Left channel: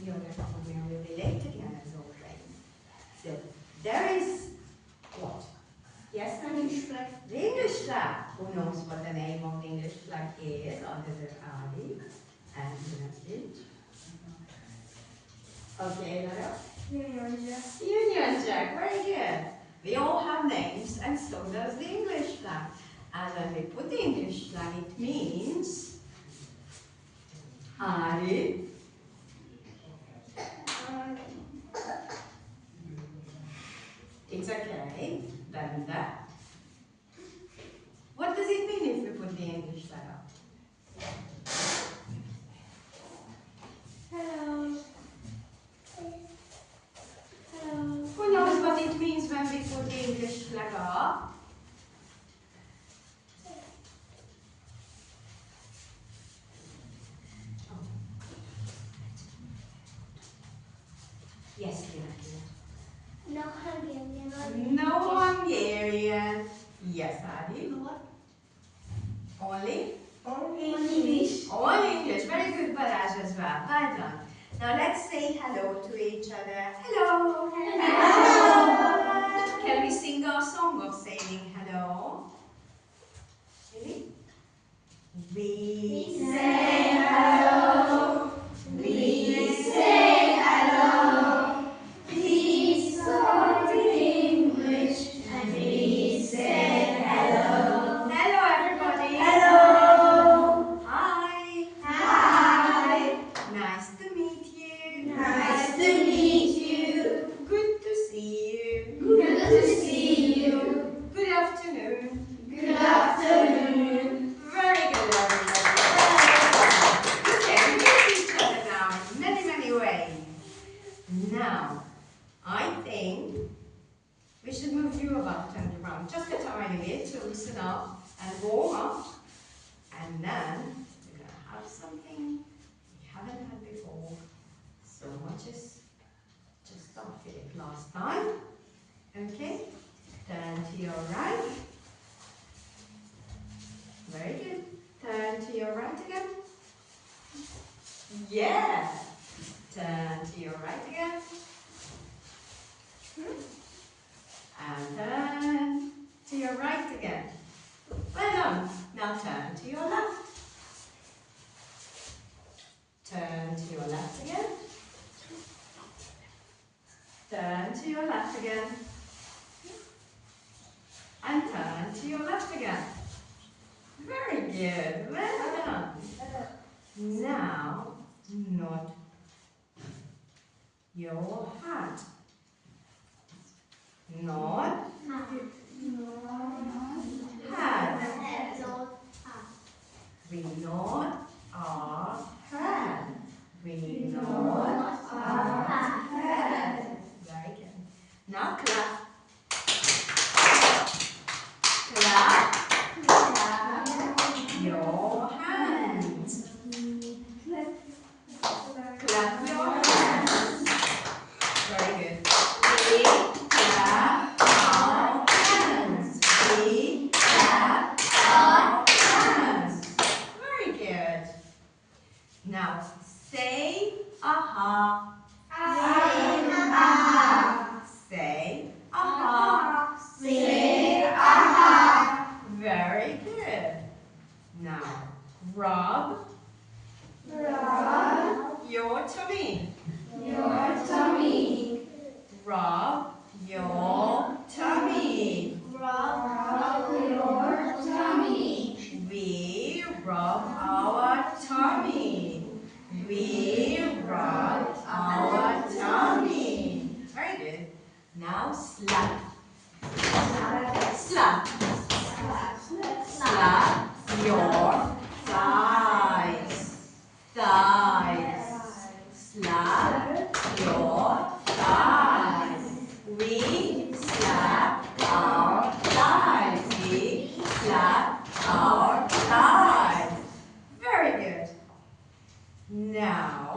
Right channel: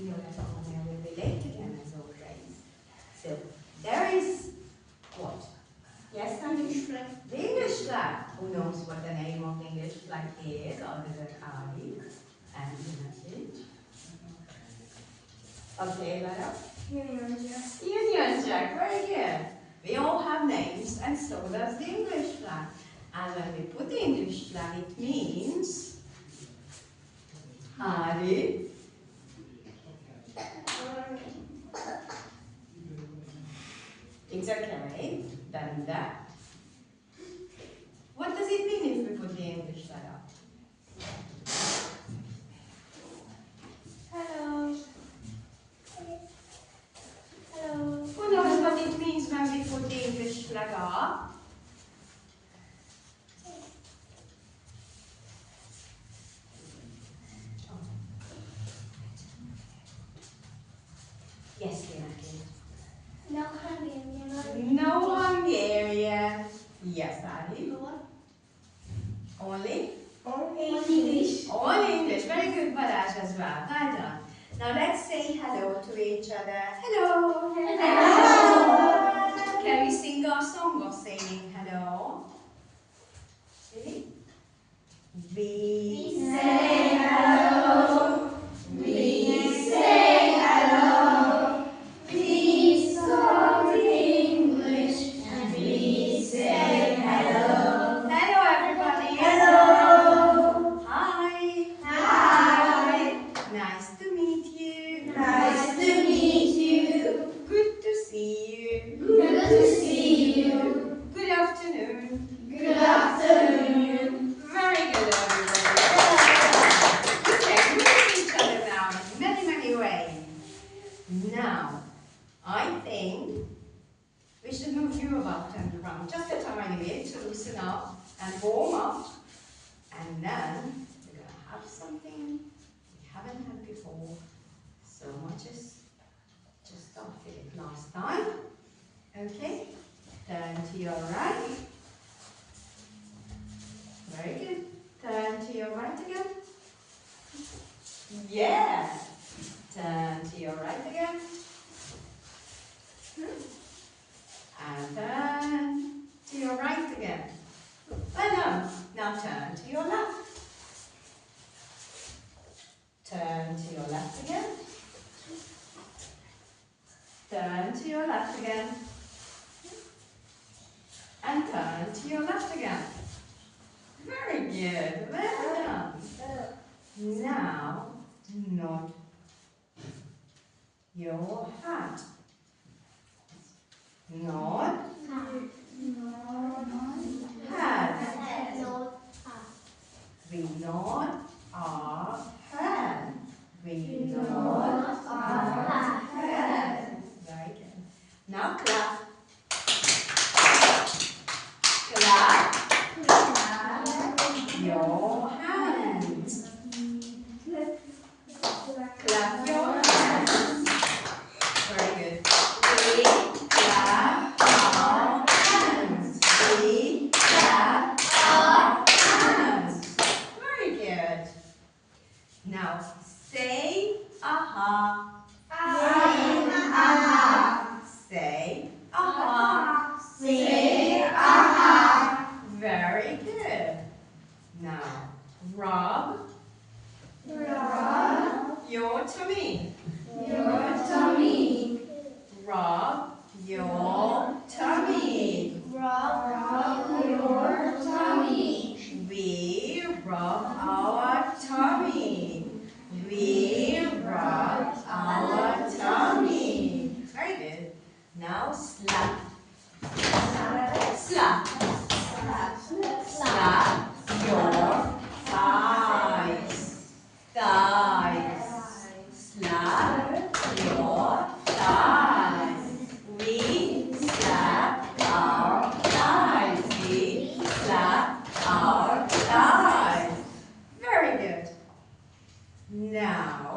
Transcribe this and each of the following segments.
we will be late again as always. So there is what? Yes, English flag. The English flag. Who knows what the name of the English flag is? Other than Ali and Nasid. Okay, Lara? Union Jack. Union Jack, very good. We all have names, and so does the English flag. And when we put the English flag, it means Ali. It's okay. Bagolyda. What does it mean if we put the English flag up? Hello. Hello. Who knows what it means when we put the English flag up? Yes, Lena. No Hungarian. No Hungarian. Yes, Adi. Only? Only English. Only English. Very good, Balázs, as well. Well done. Now let's say hello to each other. Hello. Hello. Can we sing our song of saying hello? Ready? We say hello. We say hello. We talk English and we say hello. hello, everybody. Hello. Hi. Hi. Nice to meet you. Nice to meet you. Good to see you. Good to see you. Good afternoon. Good afternoon. Very good, everybody. Okay, we meet each other now in many, many ways. Now, I think we should move you about and around just a tiny bit to loosen up and warm up. And then we're going to have something we haven't had before so much as just started it last time. Okay, turn to your right. Very good. Turn to your right again. Yeah. Turn to your right again. And turn to your right again. Well done. Now turn to your left. Turn to your left again. Turn to your left again. And turn to your left again. Very good. Well done. Now, nod your hat. Nod hat. We nod our head. We nod our head. Very good. Now clap. Clap your hands. Clap your hands. Very good. We clap our hands. We clap our hands. Very good. Now say aha. Say aha. Say aha. Very good. Now rub your tummy. Your tummy. Rub your tummy. Rub your tummy. We rub our tummy. We rub our tummy. Very good. Now slap. Slap. Slap your thighs. Thighs. Slap your thighs. We slap our thighs. We slap our thighs. Very good. Now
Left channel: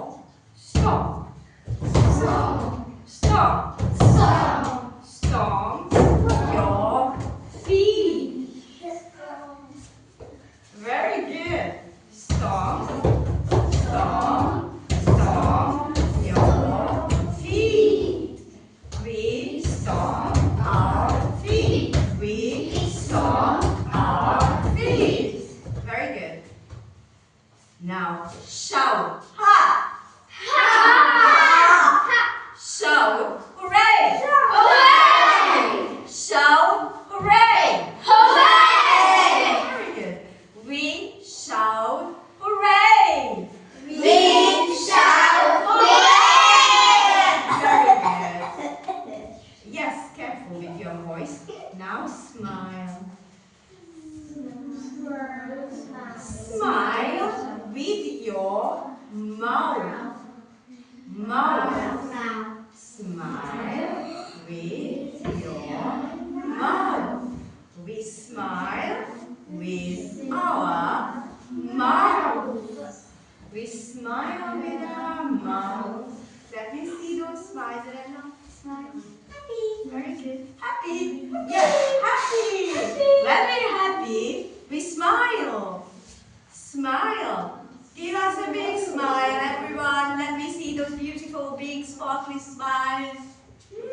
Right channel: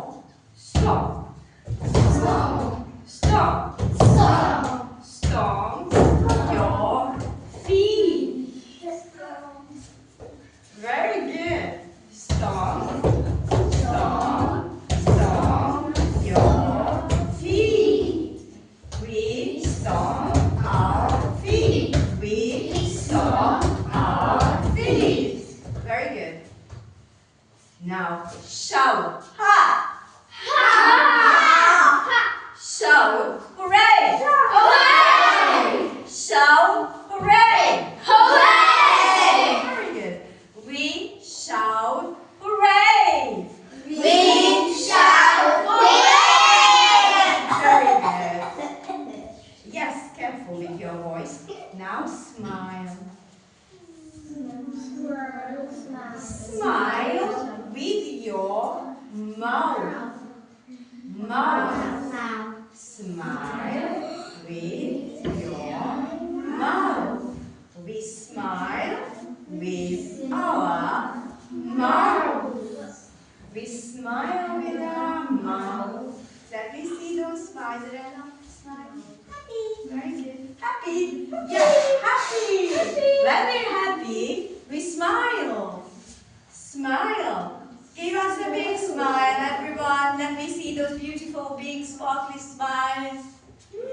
big sparkly smiles.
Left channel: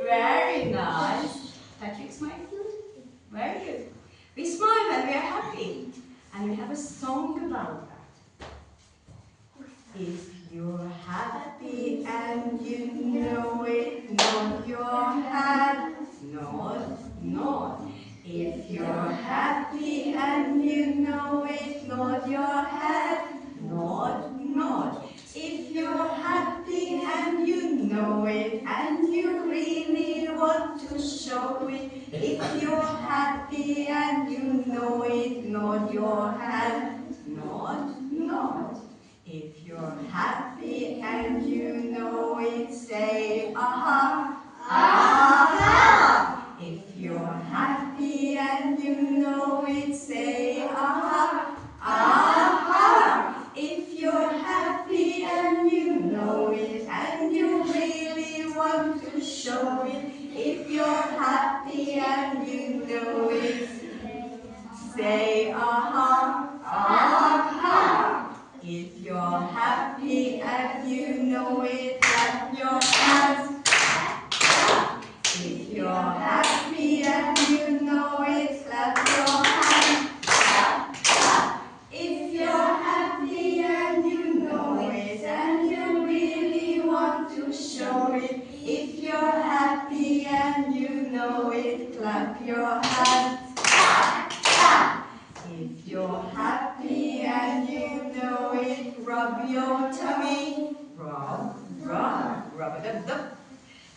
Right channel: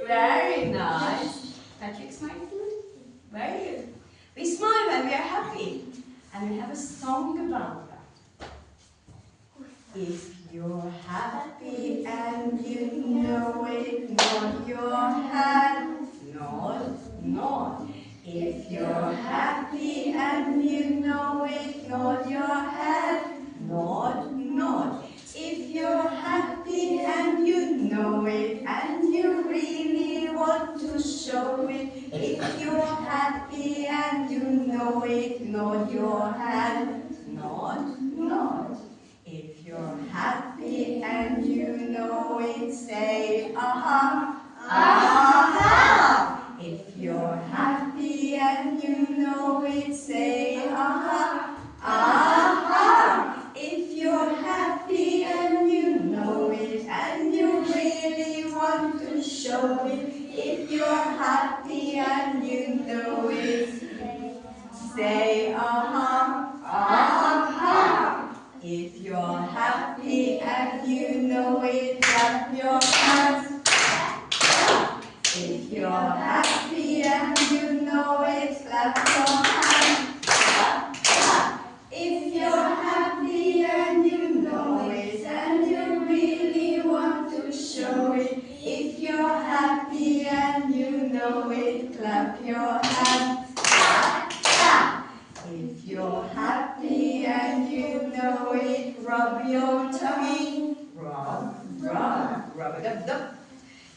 Very nice. Patrick smiled too? Very good. We smile when we are happy. And we have a song about that. If you're happy and you know it, nod your head. Nod, nod. If you're happy and you know it, nod your head. Nod, nod. If you're happy and you know it and you really want to show it, if you're happy and you know it, nod your head. Nod, nod. If you're happy and you know it, say aha, aha. If you're happy and you know it, say aha, aha. If you're happy and you know it and you really want to show it, if you're happy and you know it, say aha, aha. If you're happy and you know it, clap your hands. If you're happy and you know it, clap your hands. If you're happy and you know it and you really want to show it, if you're happy and you know it, clap your hands. If you're happy and you know it, rub your tummy. Rub, rub, rub-a-dub-dub.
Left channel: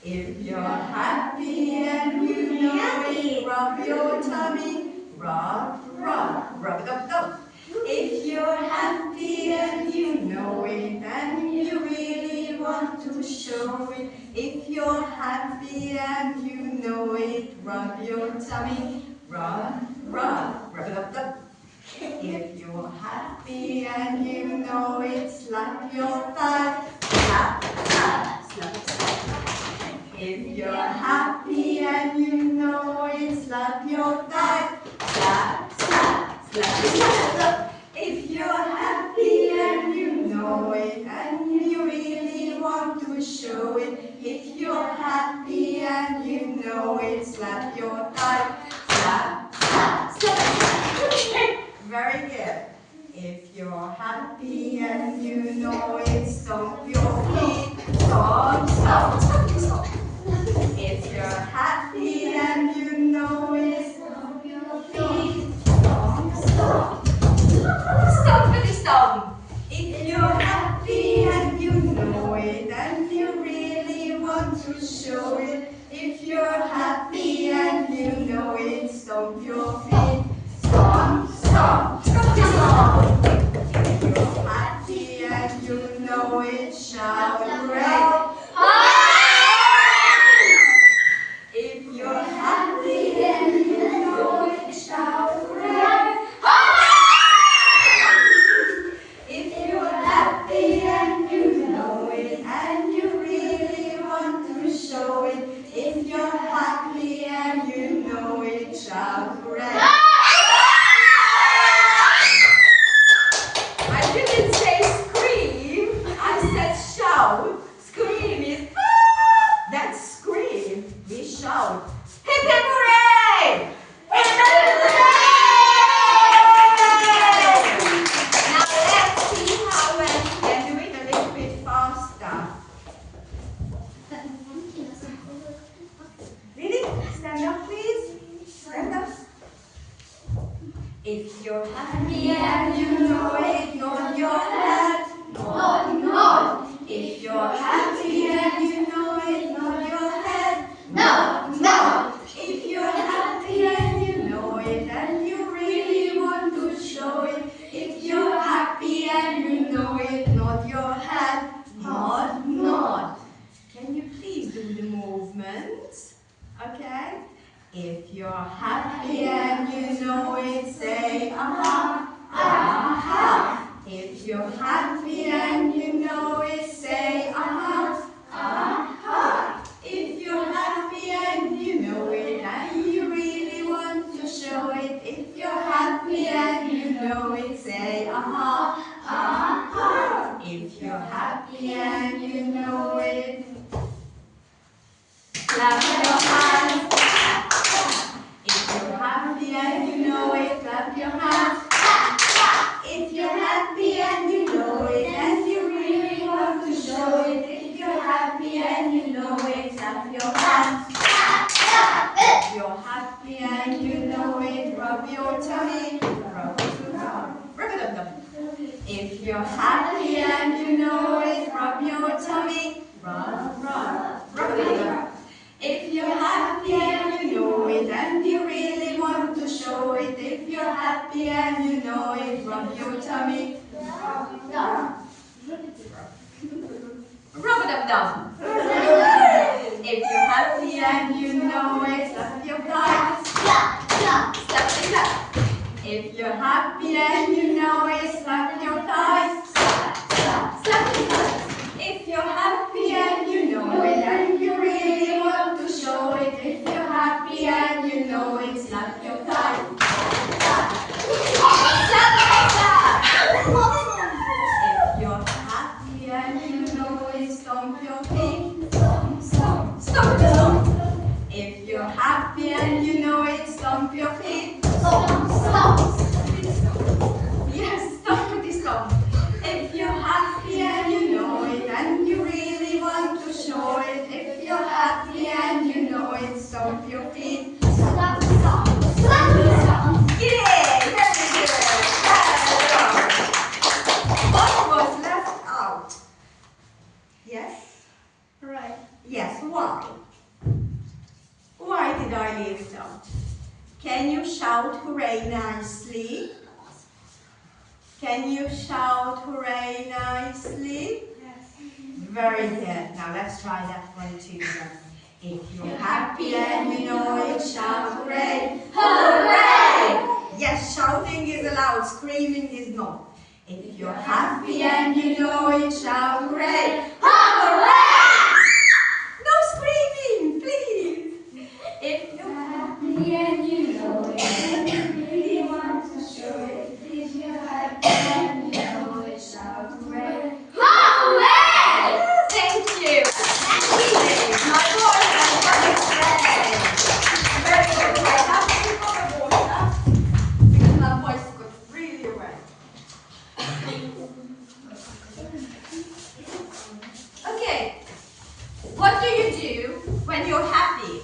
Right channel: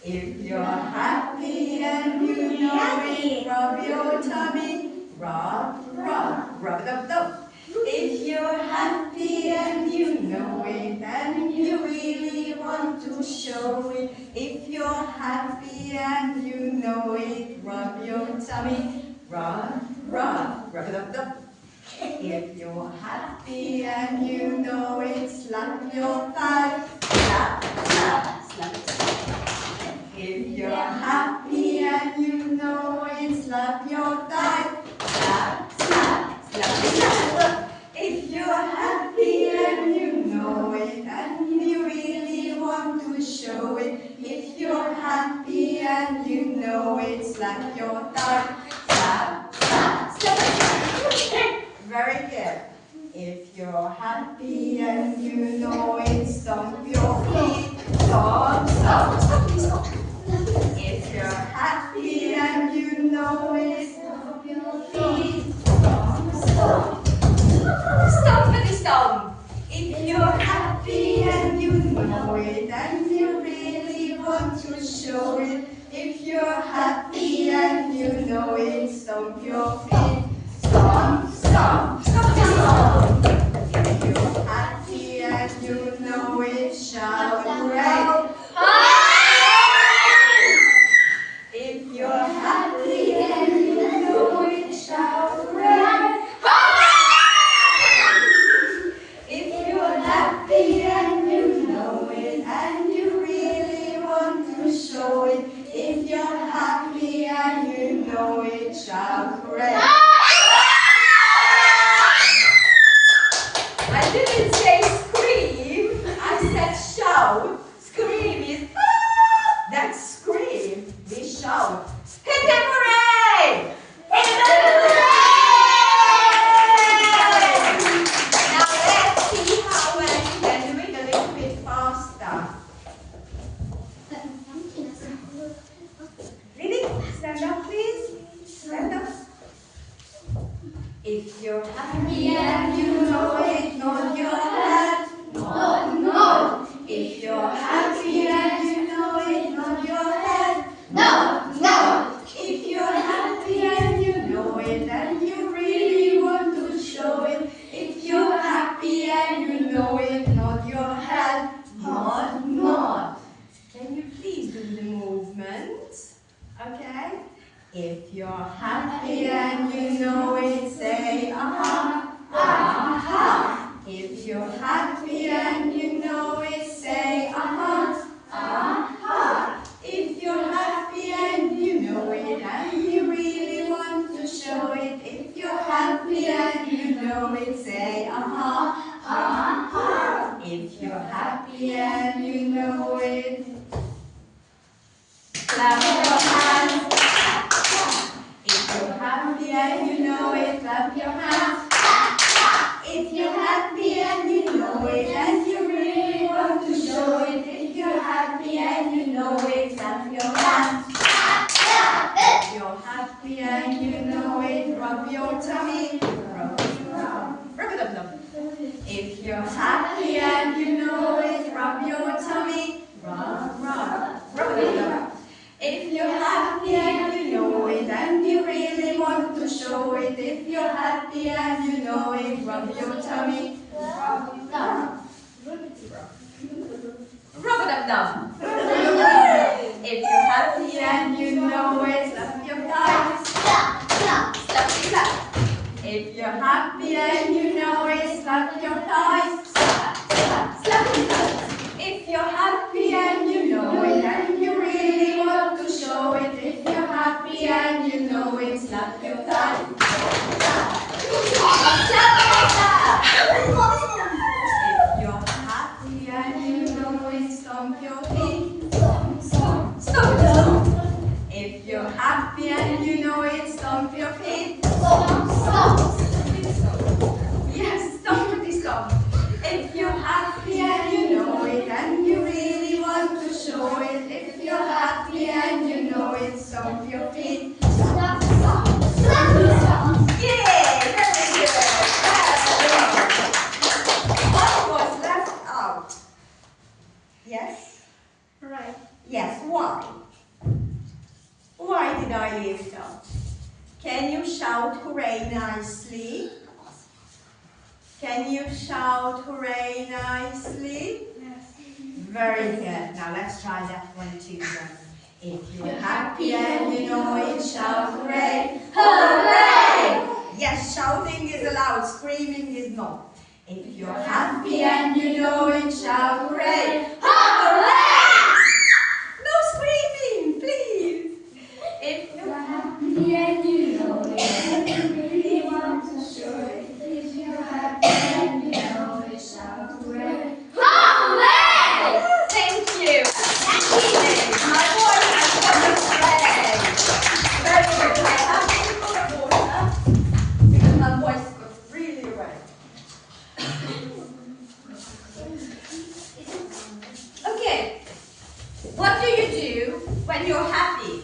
If you're happy and you know it, rub your tummy. Rub, rub, rub-a-dub-dub. If you're happy and you know it and you really want to show it, if you're happy and you know it, rub your tummy. Rub, rub, rub-a-dub-dub. If you're happy and you know it, slap your thigh. Slap, slap, slap, slap. If you're happy and you know it, slap your thigh. Slap, slap, slap, slap. If you're happy and you know it and you really want to show it, if you're happy and you know it, slap your thigh. Slap, slap, slap, slap. Very good. If you're happy and you know it, stomp your feet. Stomp, stomp, stomp, stomp. If you're happy and you know it, stomp your feet. Stomp, stomp. Stompity stomp. If you're happy and you know it and you really want to show it, if you're happy and you know it, stomp your feet. Stomp, stomp, stompity stomp. If you're happy and you know it, shout hooray. If you're happy and you know it, shout hooray. If you're happy and you know it and you really want to show it, if you're happy and you know it, shout hooray. I didn't say scream, I said shout. Scream is that's scream. We shout. Hip hip hooray! Hip hip hooray! Now let's see how well you can do it a little bit faster. Really? Stand up, please. Stand up. If you're happy and you know it, nod your head. Nod, nod. If you're happy and you know it, nod your head. Nod, nod. If you're happy and you know it and you really want to show it, if you're happy and you know it, nod your head. Nod, nod. Can you please do the movements? Okay? If you're happy and you know it, say aha, aha. If you're happy and you know it, say aha, aha. If you're happy and you know it and you really want to show it, if you're happy and you know it, say aha, aha. If you're happy and you know it, rub your tummy. Rub, rub, rub. If you're happy and you know it and you really want to show it, if you're happy and you know it, rub your tummy. Rub it up down. If you're happy and you know it, slap your thighs. Slap, slap, slap, slap. If you're happy and you know it, slap your thighs. Slap, slap, slap, slap. If you're happy and you know it and you really want to show it, if you're happy and you know it, slap your thighs. Slap, slap, slap. If you're happy and you know it, stomp your feet. Stomp, stomp, stomp, stomp. If you're happy and you know it, stomp your feet. Stomp, stomp. Yes, stompity stomp. If you're happy and you know it and you really want to show it, if you're happy and you know it, stomp your feet. Stomp, stomp, stomp, stomp. Yay! Very good. What was left out? Yes? Right. Yes, why? Why did I leave it out? Can you shout hooray nicely? Can you shout hooray nicely? Yes. Very good. Now let's try that one too then. If you're happy and you know it, shout hooray. Hooray! Yes, shouting is allowed, screaming is not. If you're happy and you know it, shout hooray. Hooray! No screaming, please. If you're Happy and you know it, and you really want to show it. If you're happy and you know it, shout hooray. hooray! Thank you. My voice has got a friend. Very good. I have to put a water because my voice got really wet. Okay. What do you do when you're happy?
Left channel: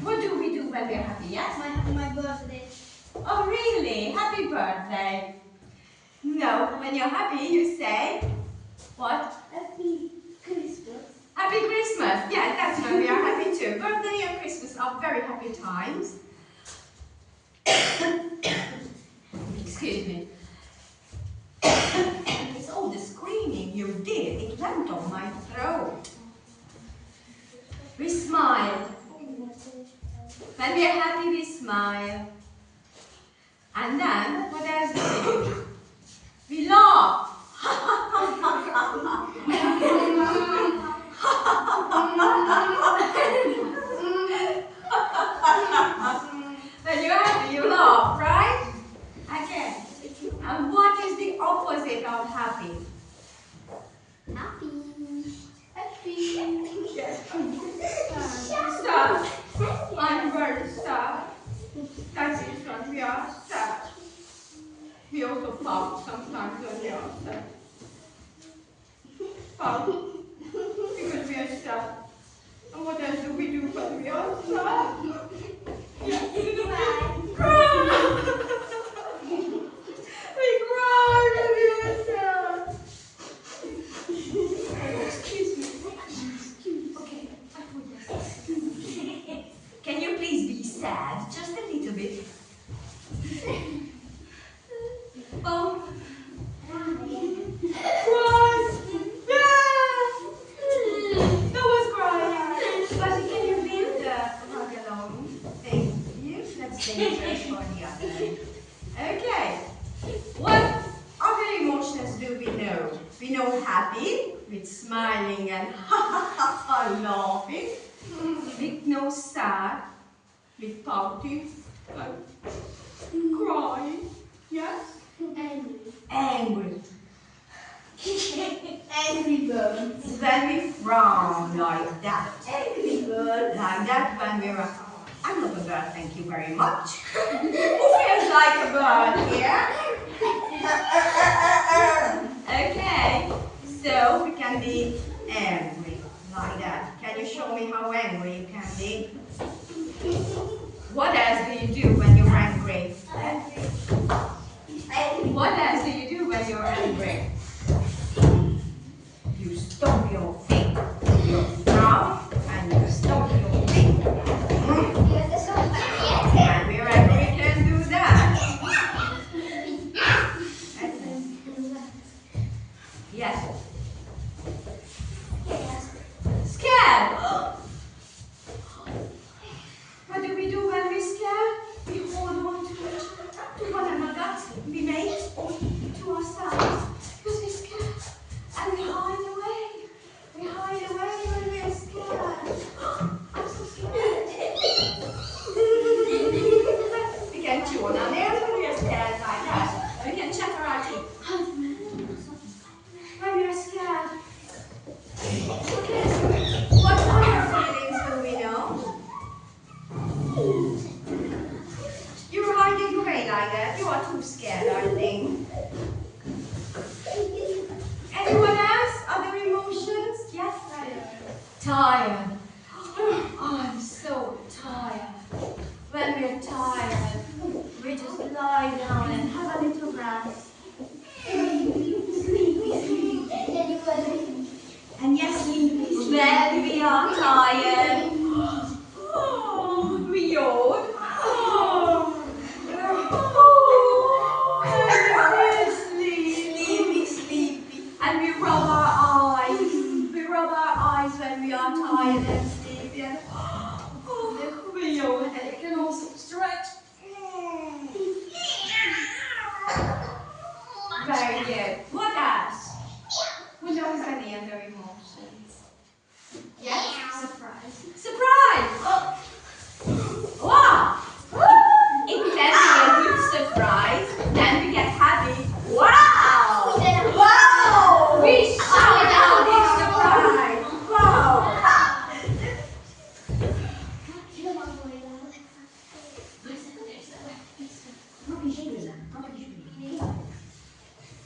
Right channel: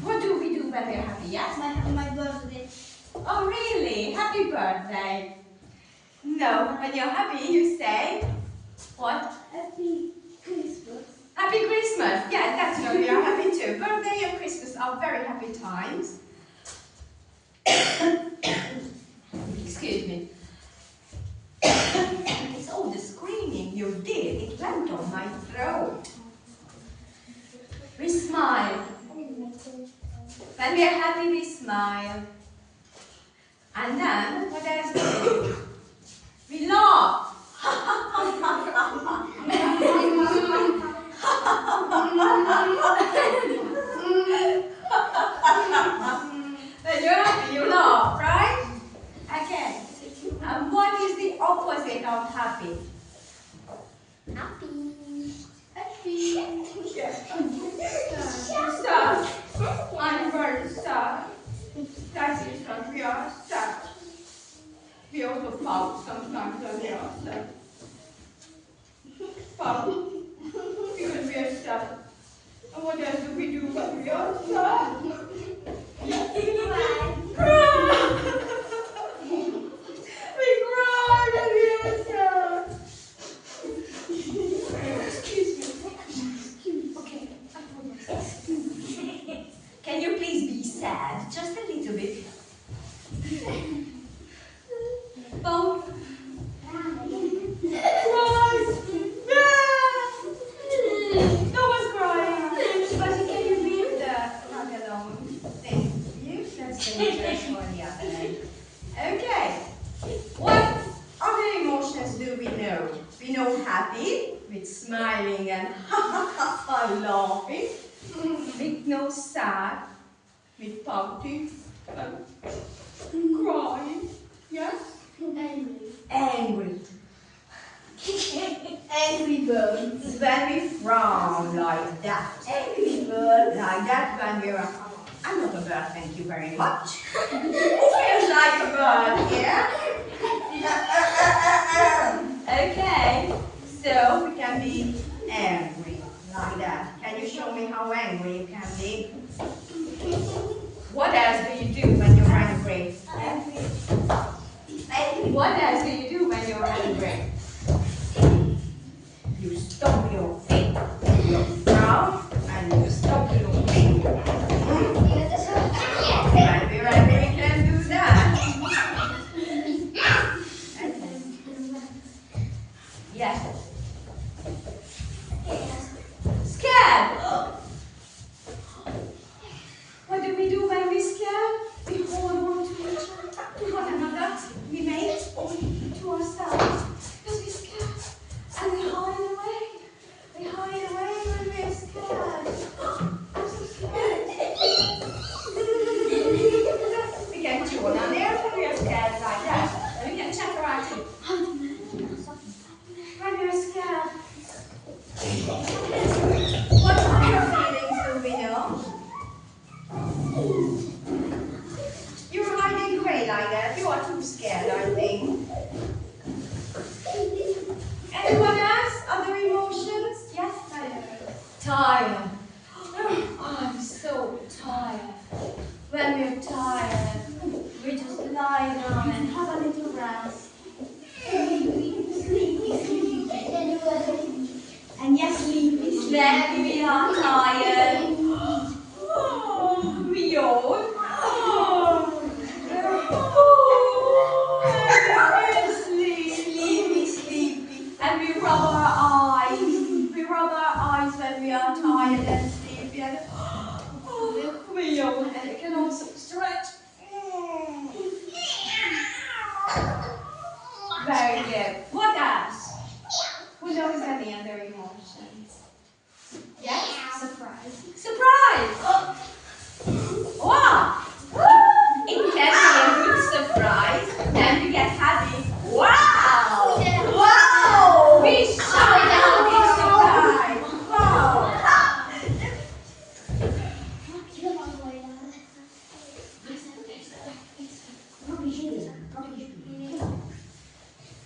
What do we do when we're happy? Yes? My birthday. Oh, really? Happy birthday. No, when you're happy, you say, what? Happy Christmas. Happy Christmas. Yeah, that's when we are happy too. Birthday and Christmas are very happy times. Excuse me. It's all the screaming you did. It went on my throat. We smile. When we are happy, we smile. And then, what else do we do? We laugh. When you're happy, you laugh, right? Okay. And what is the opposite of happy? Happy. Yes. Sad. I'm very sad. That is that we are sad. We also pout sometimes when we are sad. Pout. Because we are sad. And what else do we do when we are sad? Yes. Cry. We cry when we are sad. Excuse me. Okay. Can you please be sad? Just a little bit. Oh. Cry. No one's crying. But can you leave the rug alone? Thank you. That's dangerous for the other. Okay. What other emotions do we know? We know happy, with smiling and laughing. We know sad, with pouting and crying. Yes? Angry. Angry. Angry birds. When we frown like that. Angry birds. Like that when we're I'm not a bird, thank you very much. Who feels like a bird here? Okay, so we can be angry like that. Can you show me how angry you can be? What else do you do when you're angry? What else do you do when you're angry? Tired. I'm so tired. When we're tired, we just lie down and have a little rest. And yes, when we are tired, we yawn. And we're sleepy. And we rub our eyes. We rub our eyes when we are tired and sleepy. And we yawn. And we can also stretch. Very good. What else? Who knows any other emotions? Yes? Surprise. Surprise! Wow! It can be a good surprise. Then we get happy. Wow! Wow! We shout out in surprise. Wow!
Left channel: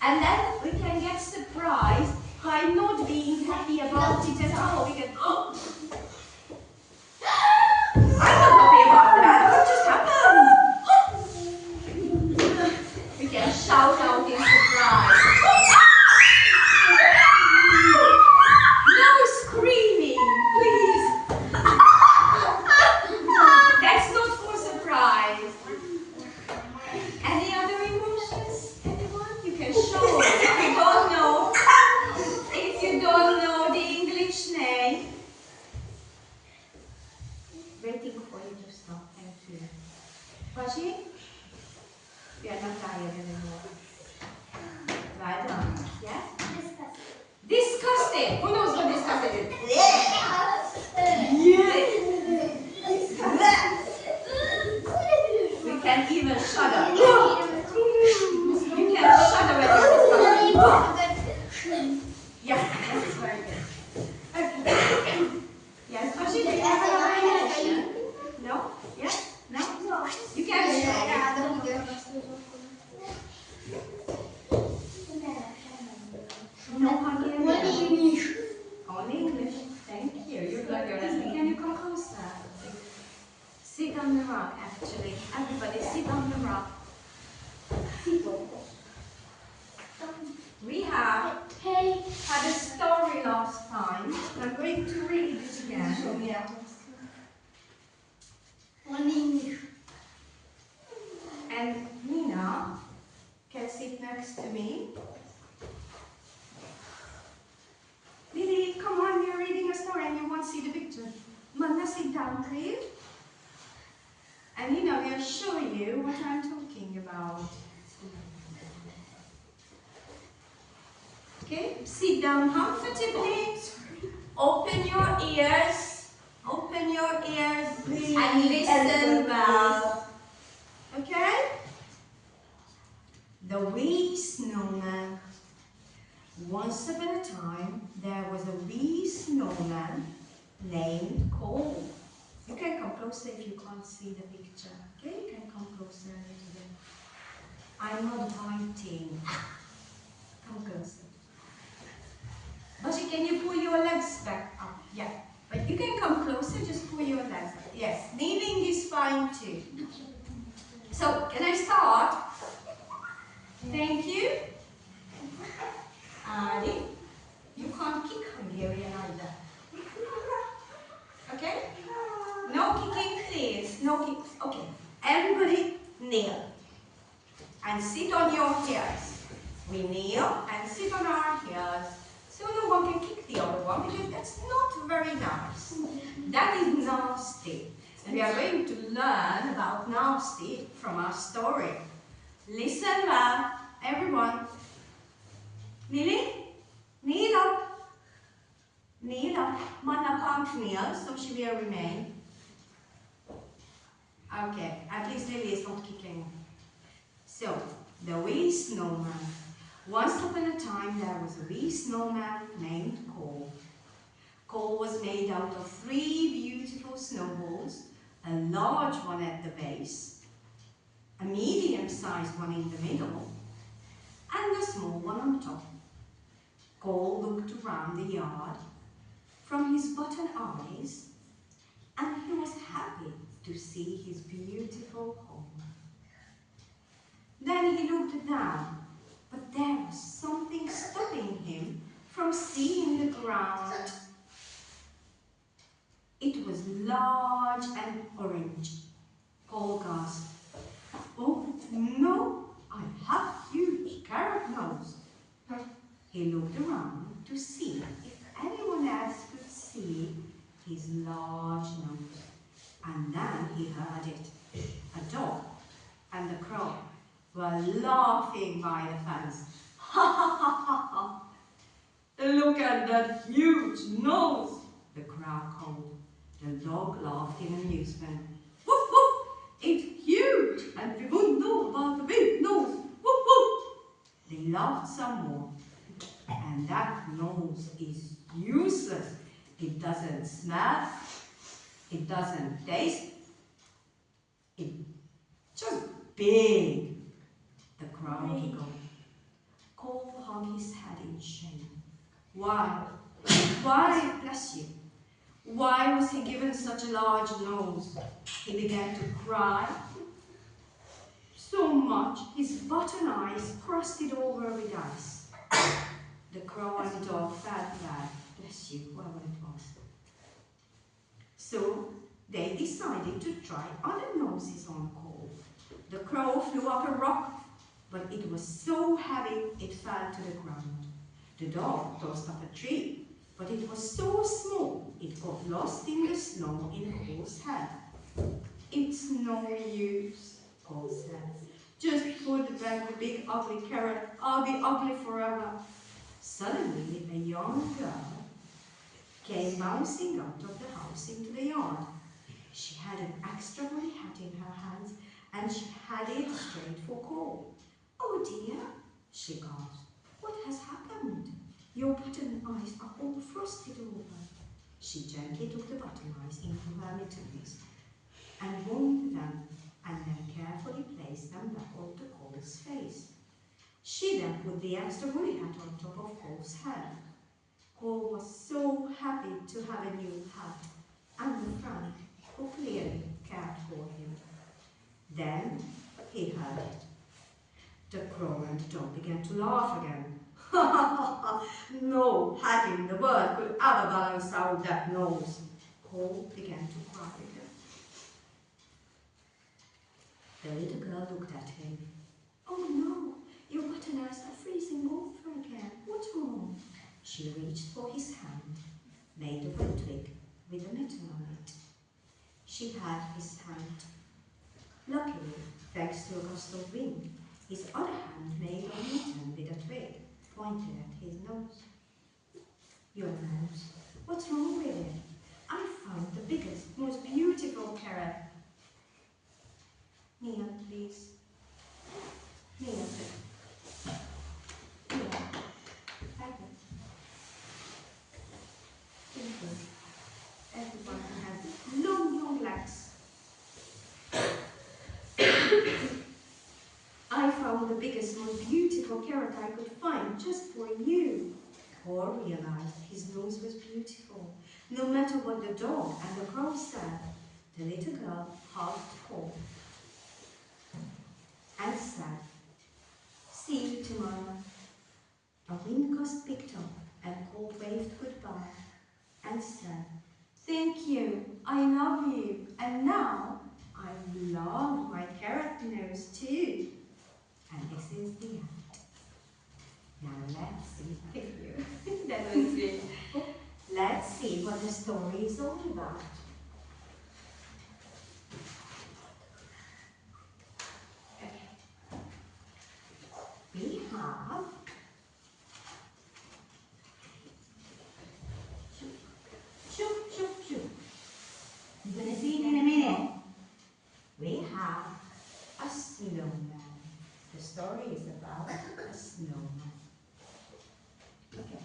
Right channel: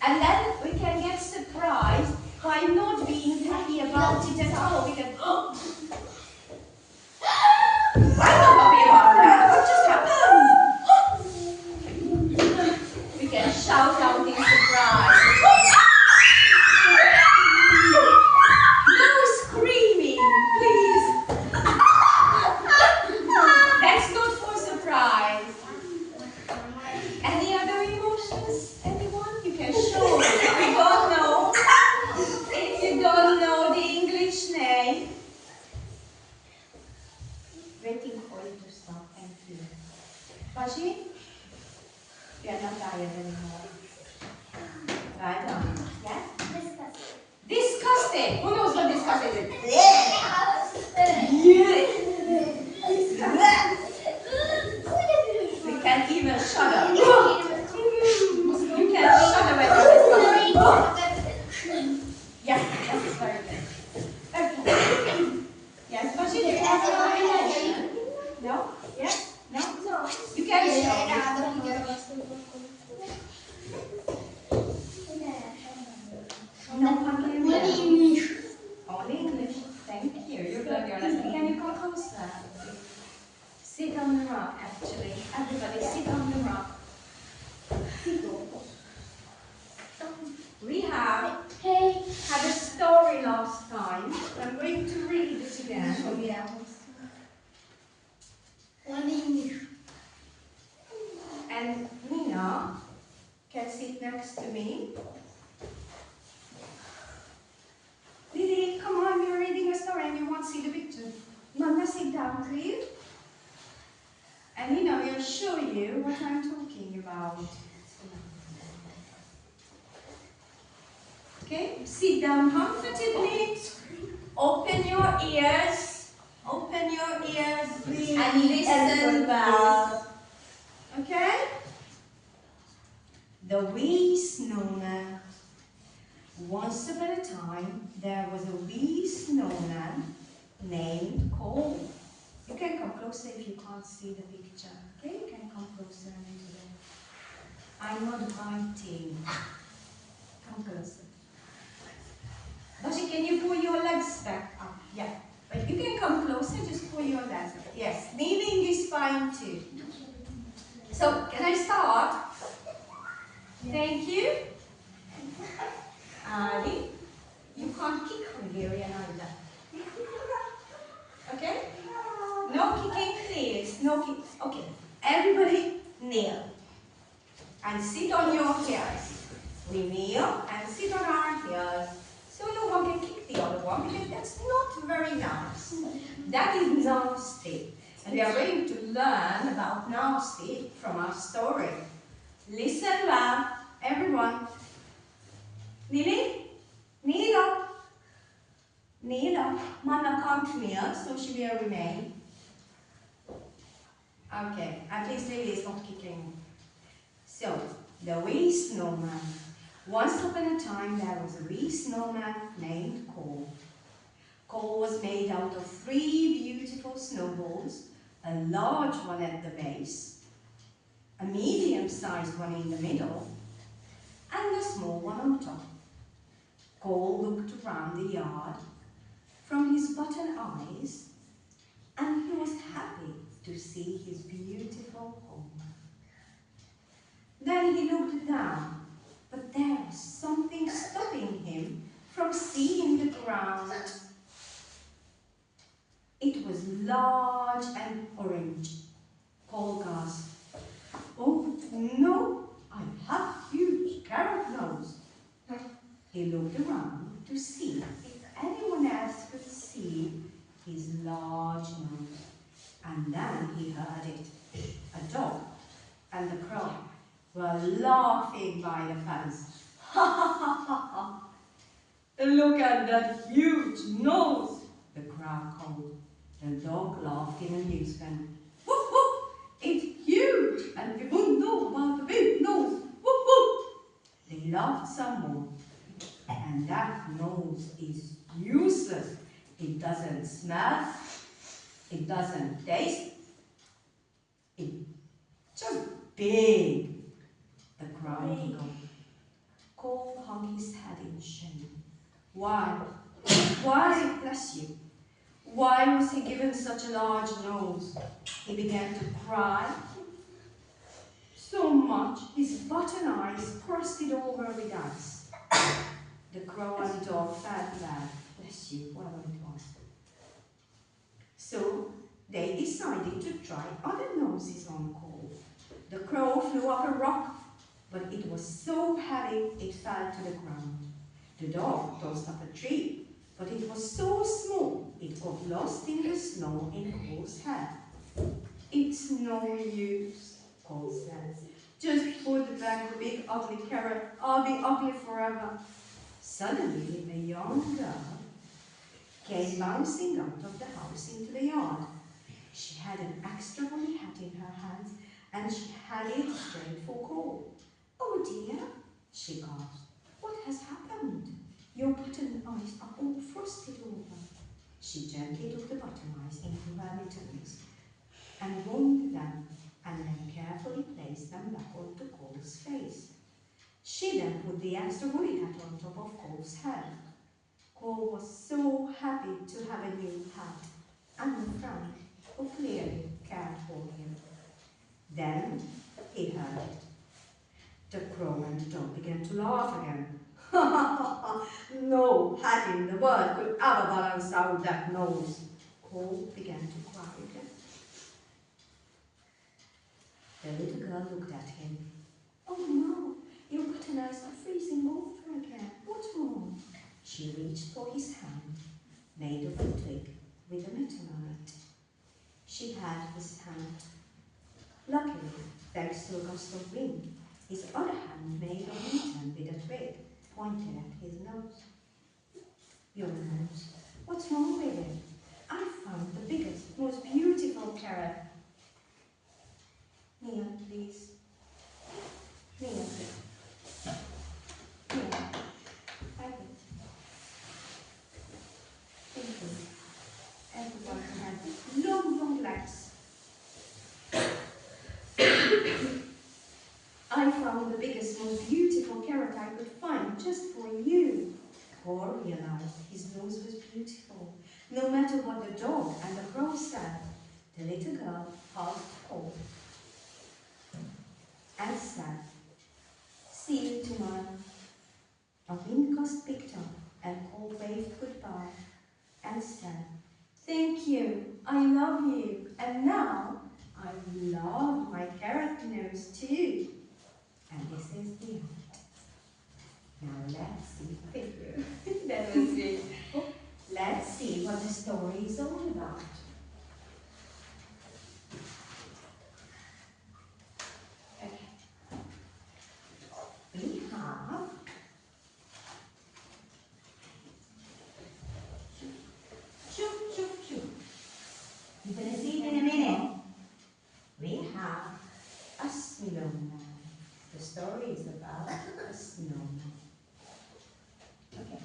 And then we can get surprised by not being happy about it at all. We can, I'm not happy about that. What just happened? We can shout out in surprise. No screaming, please. That's not for surprise. Any other emotions, everyone? You can show it. If you don't know, the English name. Waiting for you to stop. Thank you. Bashi? You are not tired anymore. Right on. Yes? Disgusting. Who knows what disgusting is? We can even shudder. You can shudder when you're disgusting. Yes, that's very good. Okay. Yes, Bashi, do you have another emotion? No? Yes? No? You can show. No Hungarian. Only English. Thank you. You're glad you're listening. Can you come closer? Sit on the rock, actually. Everybody sit on the rock. We had a story last time. I'm going to read it again. And Nina can sit next to me. Lily, come on, you're reading a story and you won't see the picture. Mama, sit down, please. And Nina will show you what I'm talking about. Okay, sit down comfortably. Open your ears. Open your ears and listen well. Okay? The wee snowman. Once upon a time, there was a wee snowman named Cole. You can come closer if you can't see the picture. Okay, you can come closer a little bit. I'm not biting. Come closer. Bashi, can you pull your legs back up? Yeah. But you can come closer, just pull your legs up. Yes, kneeling is fine too. So, can I start? Thank you. Ali, you can't kick Hungarian either. Okay? No kicking, please. No kicks. Okay. Everybody kneel. And sit on your heels. We kneel and sit on our heels. So no one can kick the other one because that's not very nice. That is nasty. And we are going to learn about nasty from our story. Listen well, everyone. Lily, kneel up. Kneel up. Mama can't kneel, so she will remain. Okay, at least Lily is not kicking. So, the wee snowman. Once upon a time, there was a wee snowman named Cole. Cole was made out of 3 beautiful snowballs, a large one at the base, a medium-sized one in the middle, and a small one on top. Cole looked around the yard, from his button eyes, and he was happy to see his beautiful home. Then he looked down, but there was something stopping him from seeing the ground. It was large and orange. Paul gasped, "Oh no, I have huge carrot nose." He looked around to see if anyone else could see his large nose. And then he heard it. A dog and the crow were laughing by the fence. "Ha ha ha ha ha! Look at that huge nose!" the crow called. The dog laughed in amusement. "Woof woof! It's huge, and we wouldn't know about the big nose. Woof woof!" They laughed some more. "And that nose is useless. It doesn't smell. It doesn't taste. It's just big." The crow giggled. Cole hung his head in shame. Why, bless you, why was he given such a large nose? He began to cry so much his button eyes crusted over with ice. The crow and the dog felt bad, bless you, whoever it was. So they decided to try other noses on Cole. The crow flew up a rock, but it was so heavy it fell to the ground. The dog tossed up a tree, but it was so small it got lost in the snow in Cole's head. "It's no use," Cole said. "Just put back the big ugly carrot. I'll be ugly forever." Suddenly a young girl came bouncing out of the house into the yard. She had an extra woolly hat in her hands, and she had it straight for Cole. "Oh dear," she gasped. "What has happened? Your button eyes are all frosted over." She gently took the button eyes into her mittens and warmed them, and then carefully placed them back onto Cole's face. She then put the extra woolly hat on top of Cole's head. Cole was so happy to have a new hat and a friend who clearly cared for him. Then he heard it. The crow and the dog began to laugh again. "No hat in the world could ever balance out that nose." Cole began to cry again. The little girl looked at him. "Oh no, your button eyes are freezing over again. What's wrong?" She reached for his hand, made of a twig with a mitten on it. She had his hand. Luckily, thanks to a gust of wind, his other hand made of mitten with a twig pointed at his nose. "Your nose, what's wrong with it? I found the biggest, most beautiful carrot." "Kneel, please. Kneel. Kneel. Thank you. Thank you. Everyone has long, long legs." "I found the biggest, most beautiful carrot I could find just for you." Paul realized his nose was beautiful, no matter what the dog and the crow said. The little girl hugged Paul and said, "See you tomorrow." A wind gust picked up and Paul waved goodbye and said, "Thank you, I love you, and now I love my carrot nose too." And this is the end. Now let's see. Thank you. That was great. Let's see what the story is all about. Okay. We have choo choo choo. You're going to see it in a minute. We have a snowman. The story is about a snowman. Okay.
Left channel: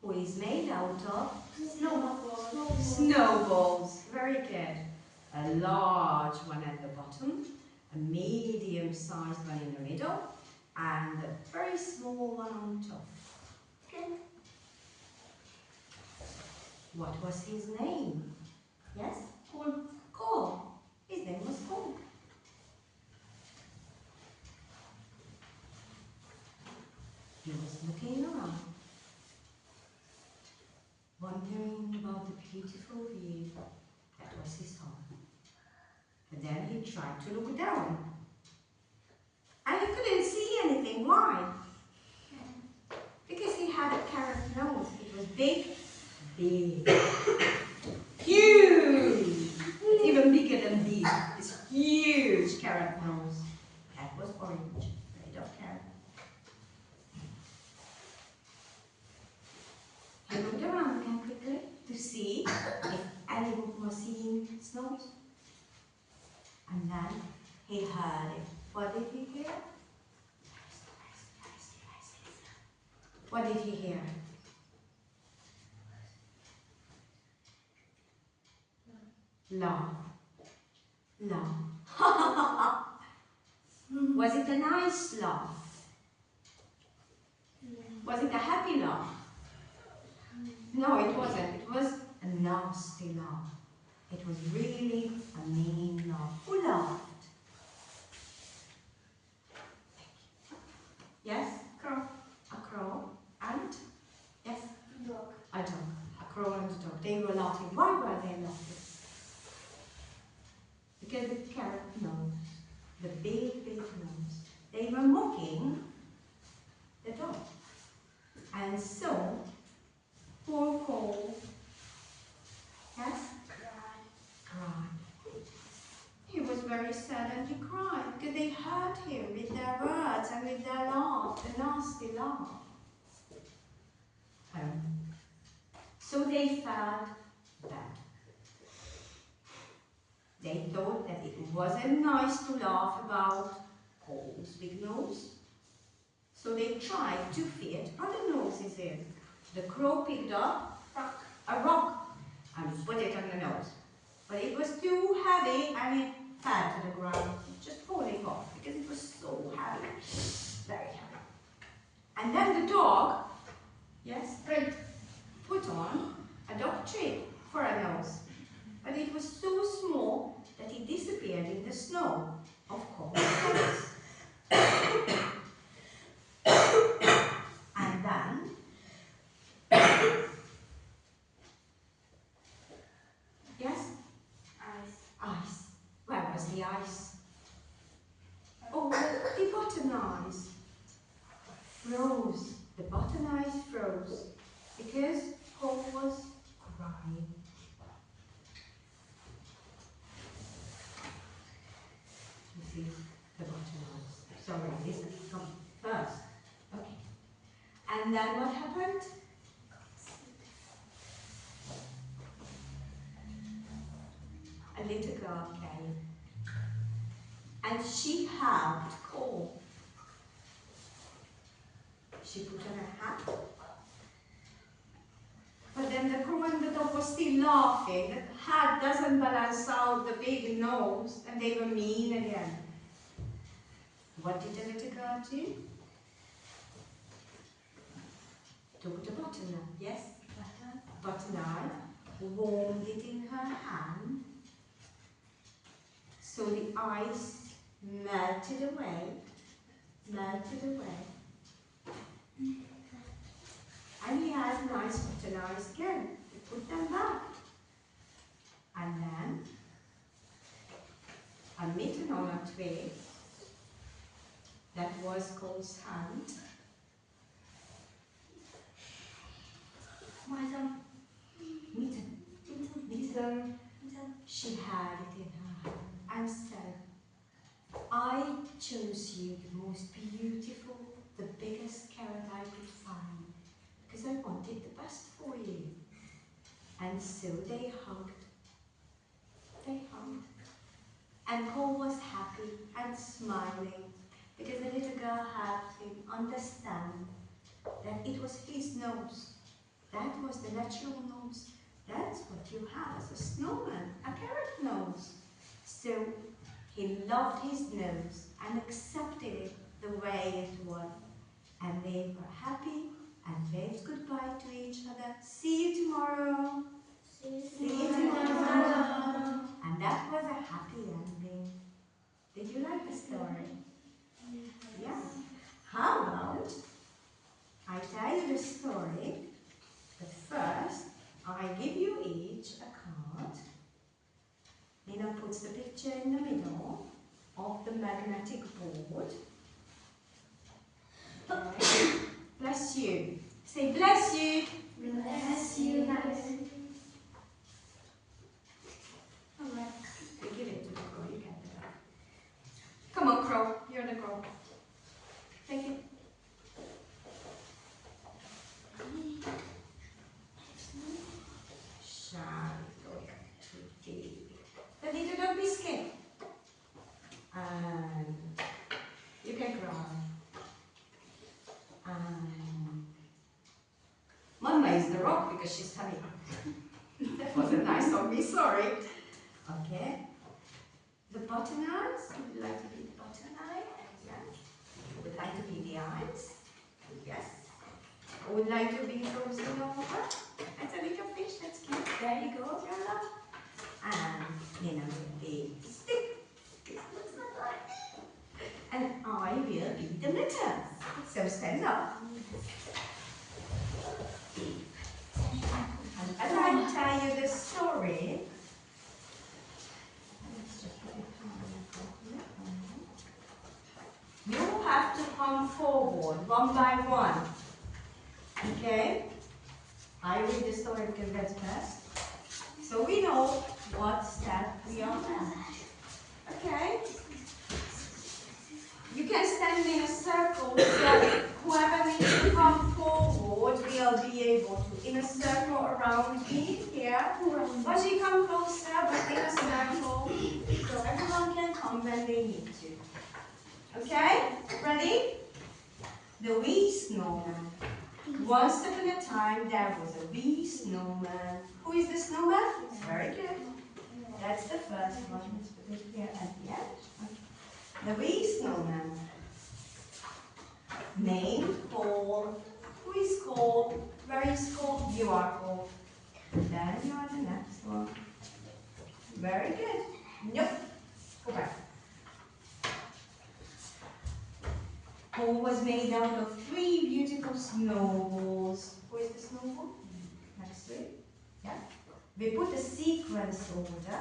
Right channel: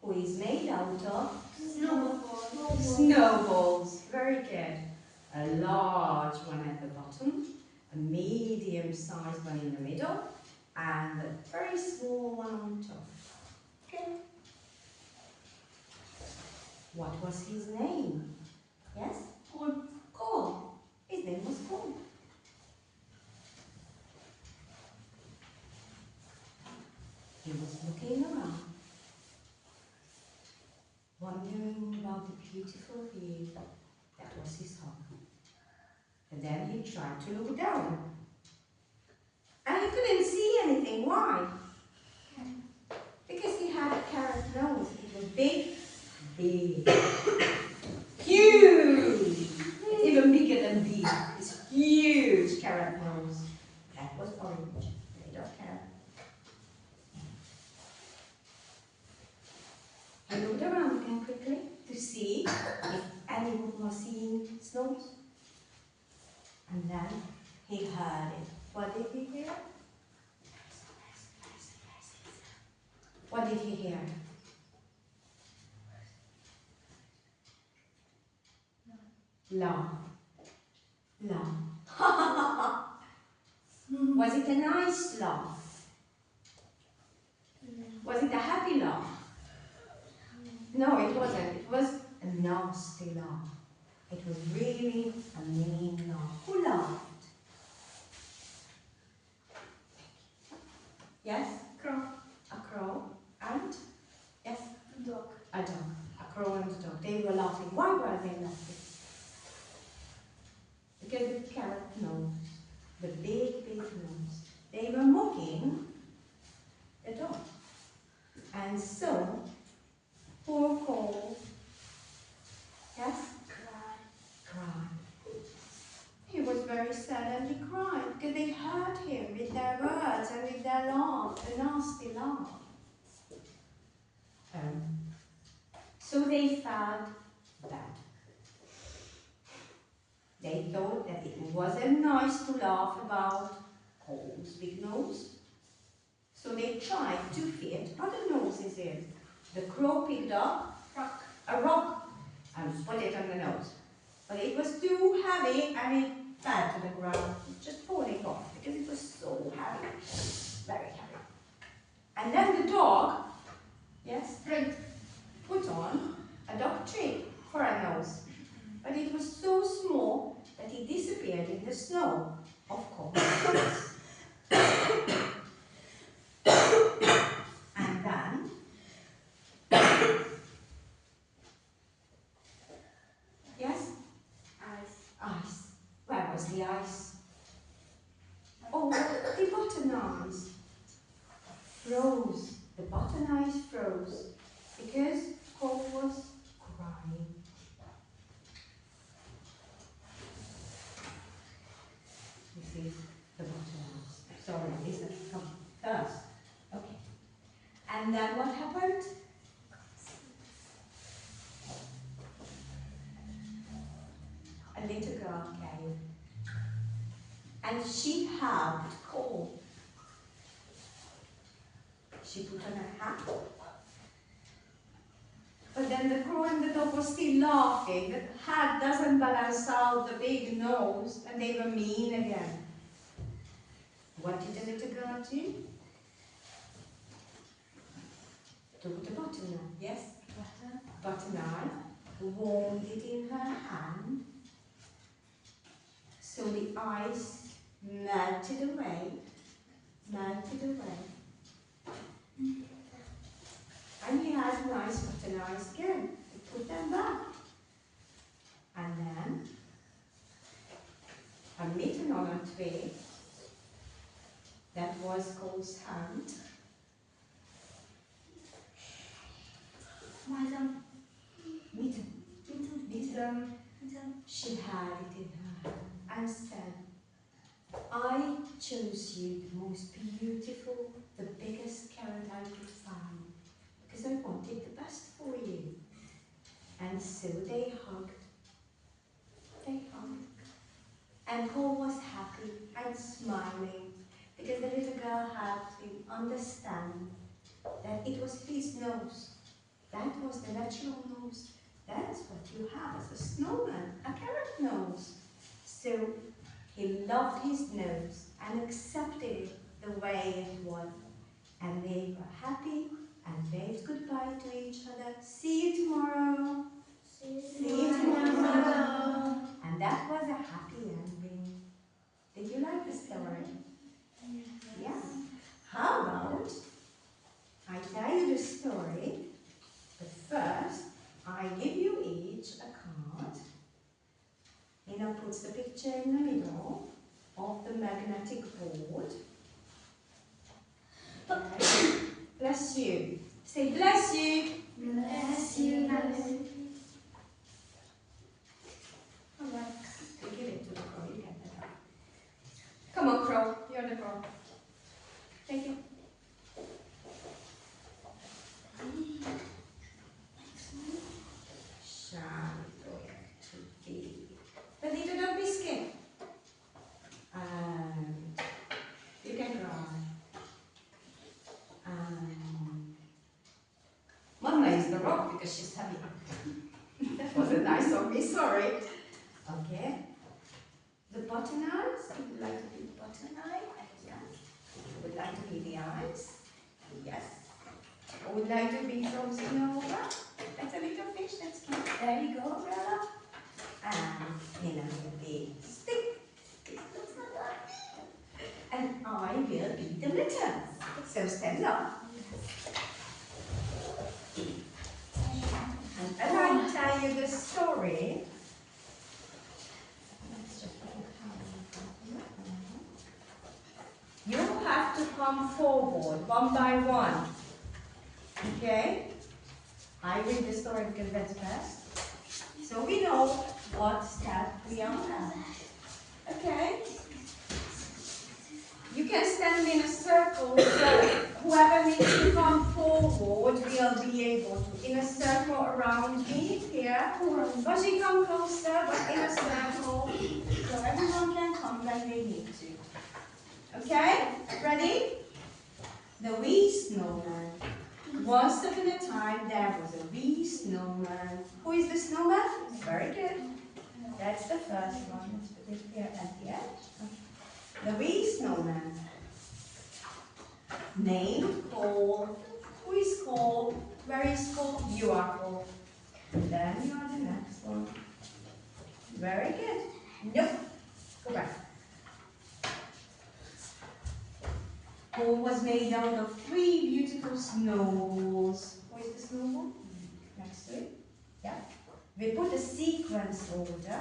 Who is made out of snowballs. Snowballs. Very good. A large one at the bottom, a medium-sized one in the middle, and a very very small one on top. Okay? What was his name? Yes? Cole. His name was Cole. He was looking around, wondering about the beautiful view that was his home. And then he tried to look down. And he couldn't see anything. Why? Because he had a carrot nose. It was big, big, huge. It's even bigger than big. This huge carrot nose. That was orange, made of carrot. He looked around again quickly to see if anyone was seeing his nose. And then he heard it. What did he hear? What did he hear? Laugh. Laugh. Was it a nice laugh? Was it a happy laugh? No, it wasn't. It was a nasty laugh. It was really a mean laugh. Who laughed? Yes? Crow. A crow. And? Yes? Dog. A dog. A crow and a dog. They were laughing. Why were they laughing? Because the carrot nose, the big, big nose, they were mocking the dog. And so, poor Cole, yes? Cried. He was very sad and he cried because they hurt him with their words and with their laugh, the nasty laugh. So they felt bad. They thought that it wasn't nice to laugh about Cole's big nose. So they tried to fit other noses in. The crow picked up a rock and put it on the nose. But it was too heavy and it fell to the ground, just falling off because it was so heavy, very heavy. And then the dog, yes, put on a dog treat for a nose. But it was so small that it disappeared in the snow of Cole's nose. And then yes? Ice. Where was the ice? Oh, the button ice froze. The button ice froze because Cole was crying. This is the button ice. Sorry, listen, come first. Okay. And then what happened? A little girl came and she hugged Cole. She put on a hat. But then the crow and the dog were still laughing. The hat doesn't balance out the big nose and they were mean again. What did the little girl do? Took the butter knife, yes? Butter knife, warmed it in her hand. So the ice melted away. And he had nice butter knives again. He put them back. And then a mitten on a twig that was Cole's hand. Mitten. She had it in her hand and said, I chose you the most beautiful, the biggest carrot I could find, because I wanted the best for you. And so they hugged. And Cole was happy and smiling, because the little girl helped him understand that it was his nose. That was the natural nose. That's what you have as a snowman, a carrot nose. So he loved his nose and accepted it the way it was. and they were happy and waved goodbye to each other. See you tomorrow. See you tomorrow. And that was a happy ending. Did you like the story? Yeah. How about I tell you the story, but first I give you each a card. Nina puts the picture in the middle of the magnetic board. Okay. Bless you. Say bless you. Bless you, Mother. Alright. You give it to the crow, you get it. Come on, crow. You're the crow. Take it. The little dog biscuit. And you can cry. Mama is the rock because she's heavy. That wasn't nice of me, sorry. Okay. The button eyes. Would you like to be the button eye? Yes. Would you like to be the eyes? Yes. Or would you like to be frozen over? That's a little fish, that's cute. There you go, Bella. And you know, the stick. This looks like me. And I will be the litter. So stand up. And Bella will tell you the story. Let's just put it down. You have to come forward one by one. Okay? I read the story because that's best. So we know what step we are at. Okay? You can stand in a circle, so whoever needs to come forward will be able to. In a circle around me, here. Once you come closer, but in a circle, so everyone can come when they need to. Okay? Ready? The wee snowman. Once upon a time, there was a wee snowman. Who is the snowman? Very good. That's the first one. Let's put it here at the edge. The wee snowman. Named Paul. Who is called? Where is called? You are called. Then you are the next one. Very good. Nope. Go back. Paul was made out of 3 beautiful snowballs. Who is the snowball? Next to it. Yeah. We put a sequence order.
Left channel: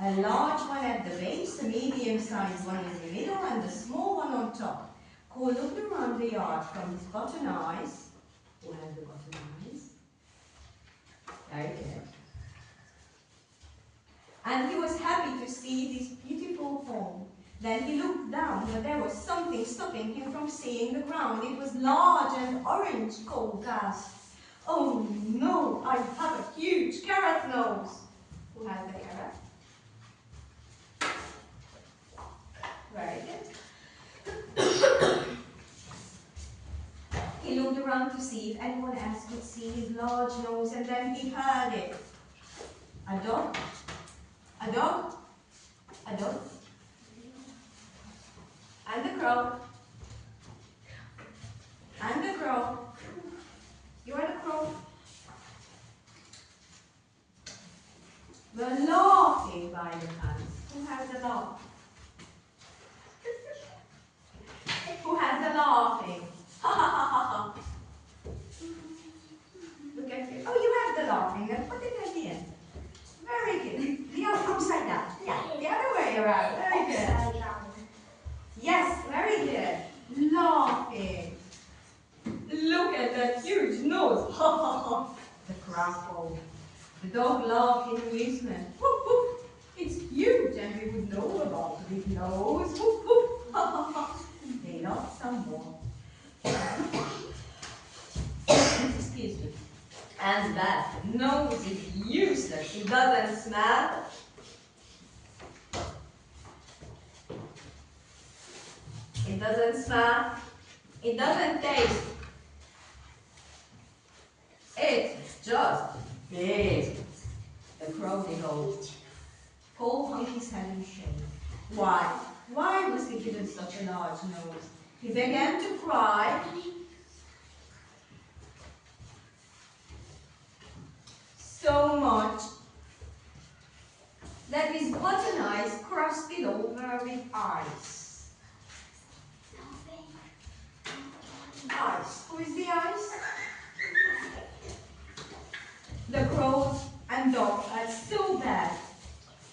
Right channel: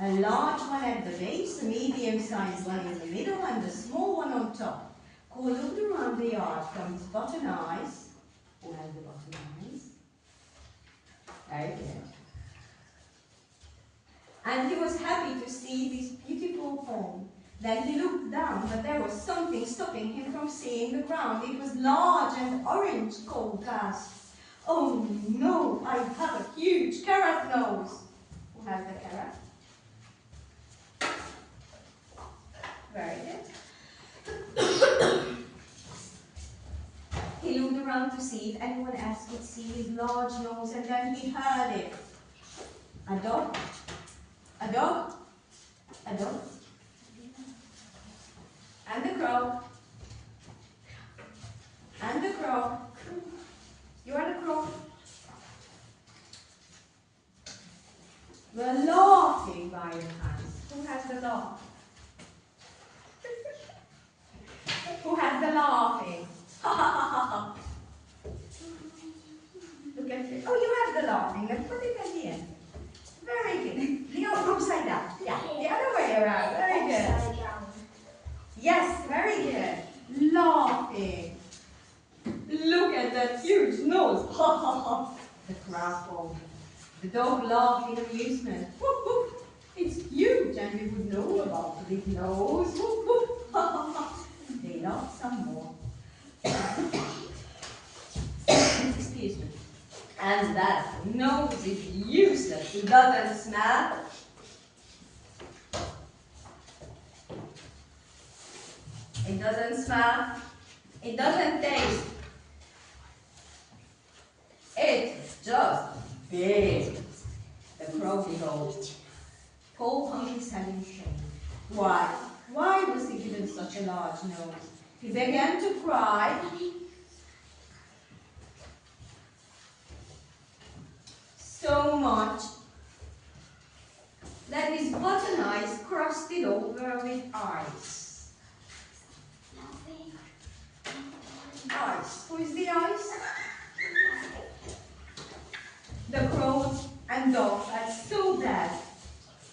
A large one at the base, a medium-sized one in the middle, and a small one on top. Paul looked around the yard from his button eyes. Who has the button eyes? Very good. And he was happy to see this beautiful pond. Then he looked down, but there was something stopping him from seeing the ground. It was large and orange, Cole gasped. Oh no, I have a huge carrot nose. Who has the carrot? Very good. He looked around to see if anyone else could see his large nose, and then he heard it. A dog. A dog. A dog. And the crow. And the crow. You are the crow. The laughing by the hands. Who has the laugh? Who has the laughing? Ha ha ha ha ha. Look at it. Oh, you have the laughing. Then put it at the end. Very good. The upside down. Yeah, the other way around. Very good. Upside down. Yes, very good. Laughing. Look at that huge nose. Ha ha ha. The crowd. The dog laughed in amusement. Whoop, whoop. It's huge, and we would know about the big nose. Whoop, whoop. Ha ha ha. They laughed some more. Excuse me. And that nose is useless. It doesn't smell. It doesn't smell. It doesn't taste. It's just big. The crow behold. Paul whole monkey's head in shame. Why? Why was he given such a large nose? He began to cry. So much that his button eyes crusted over with ice. Ice. Who is the ice? The crows and dogs had so bad.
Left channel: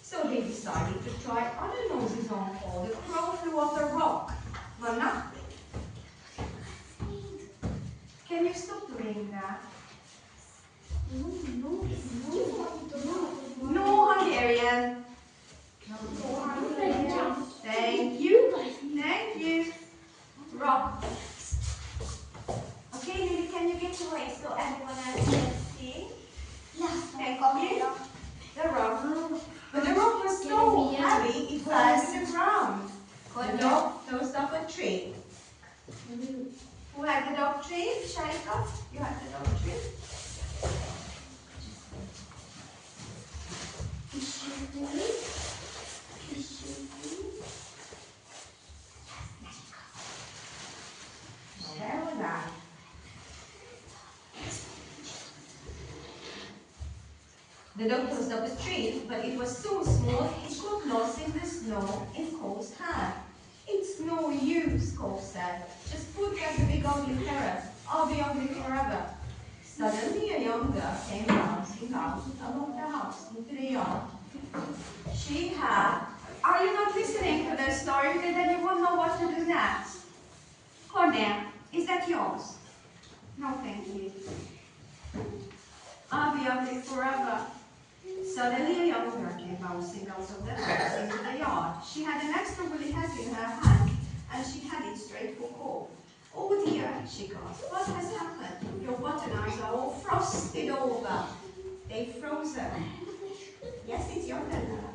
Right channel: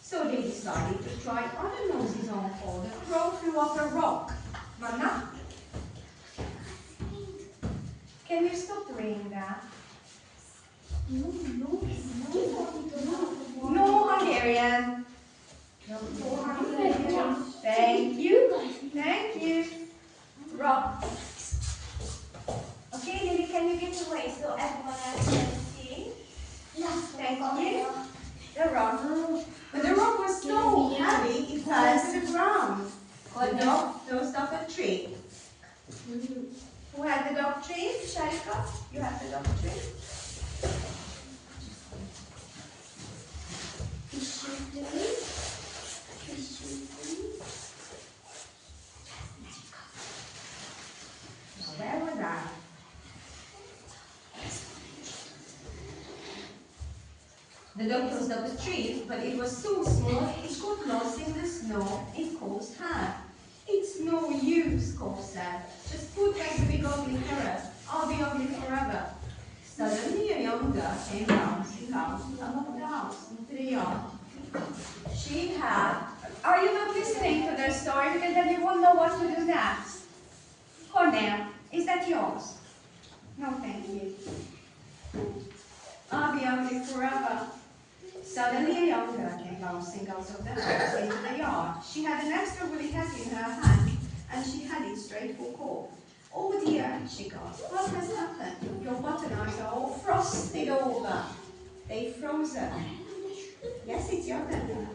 So they decided to try other noses on call. The crow flew off a rock. Mana? Can you stop doing that? No Hungarian. No Hungarian. Thank you. Thank you. Rock. Okay, Lily, can you get away so everyone else can see? Thank you. The rock. But the rock was so heavy, it fell to the ground. The dog nosed up a tree. Who had the dog tree? Sharika? You have the dog tree? Where was that? The dog closed up a tree, but it was so small it got lost in the snow in Cole's hand. It's no use, Cole said. Just put back the big ugly carrot. I'll be ugly forever. Suddenly a young girl came bouncing out above the house into the yard. She had... Are you not listening to the story? Because then you won't know what to do next. Cornell, is that yours? No, thank you. I'll be ugly forever. Suddenly a young girl came bouncing out of the house into the yard. She had an extra woolly hat in her hand, and she had it straight for Cole. Oh dear, she gasped. What has happened? Your button eyes are all frosted over. They've frozen. Yes, it's your turn.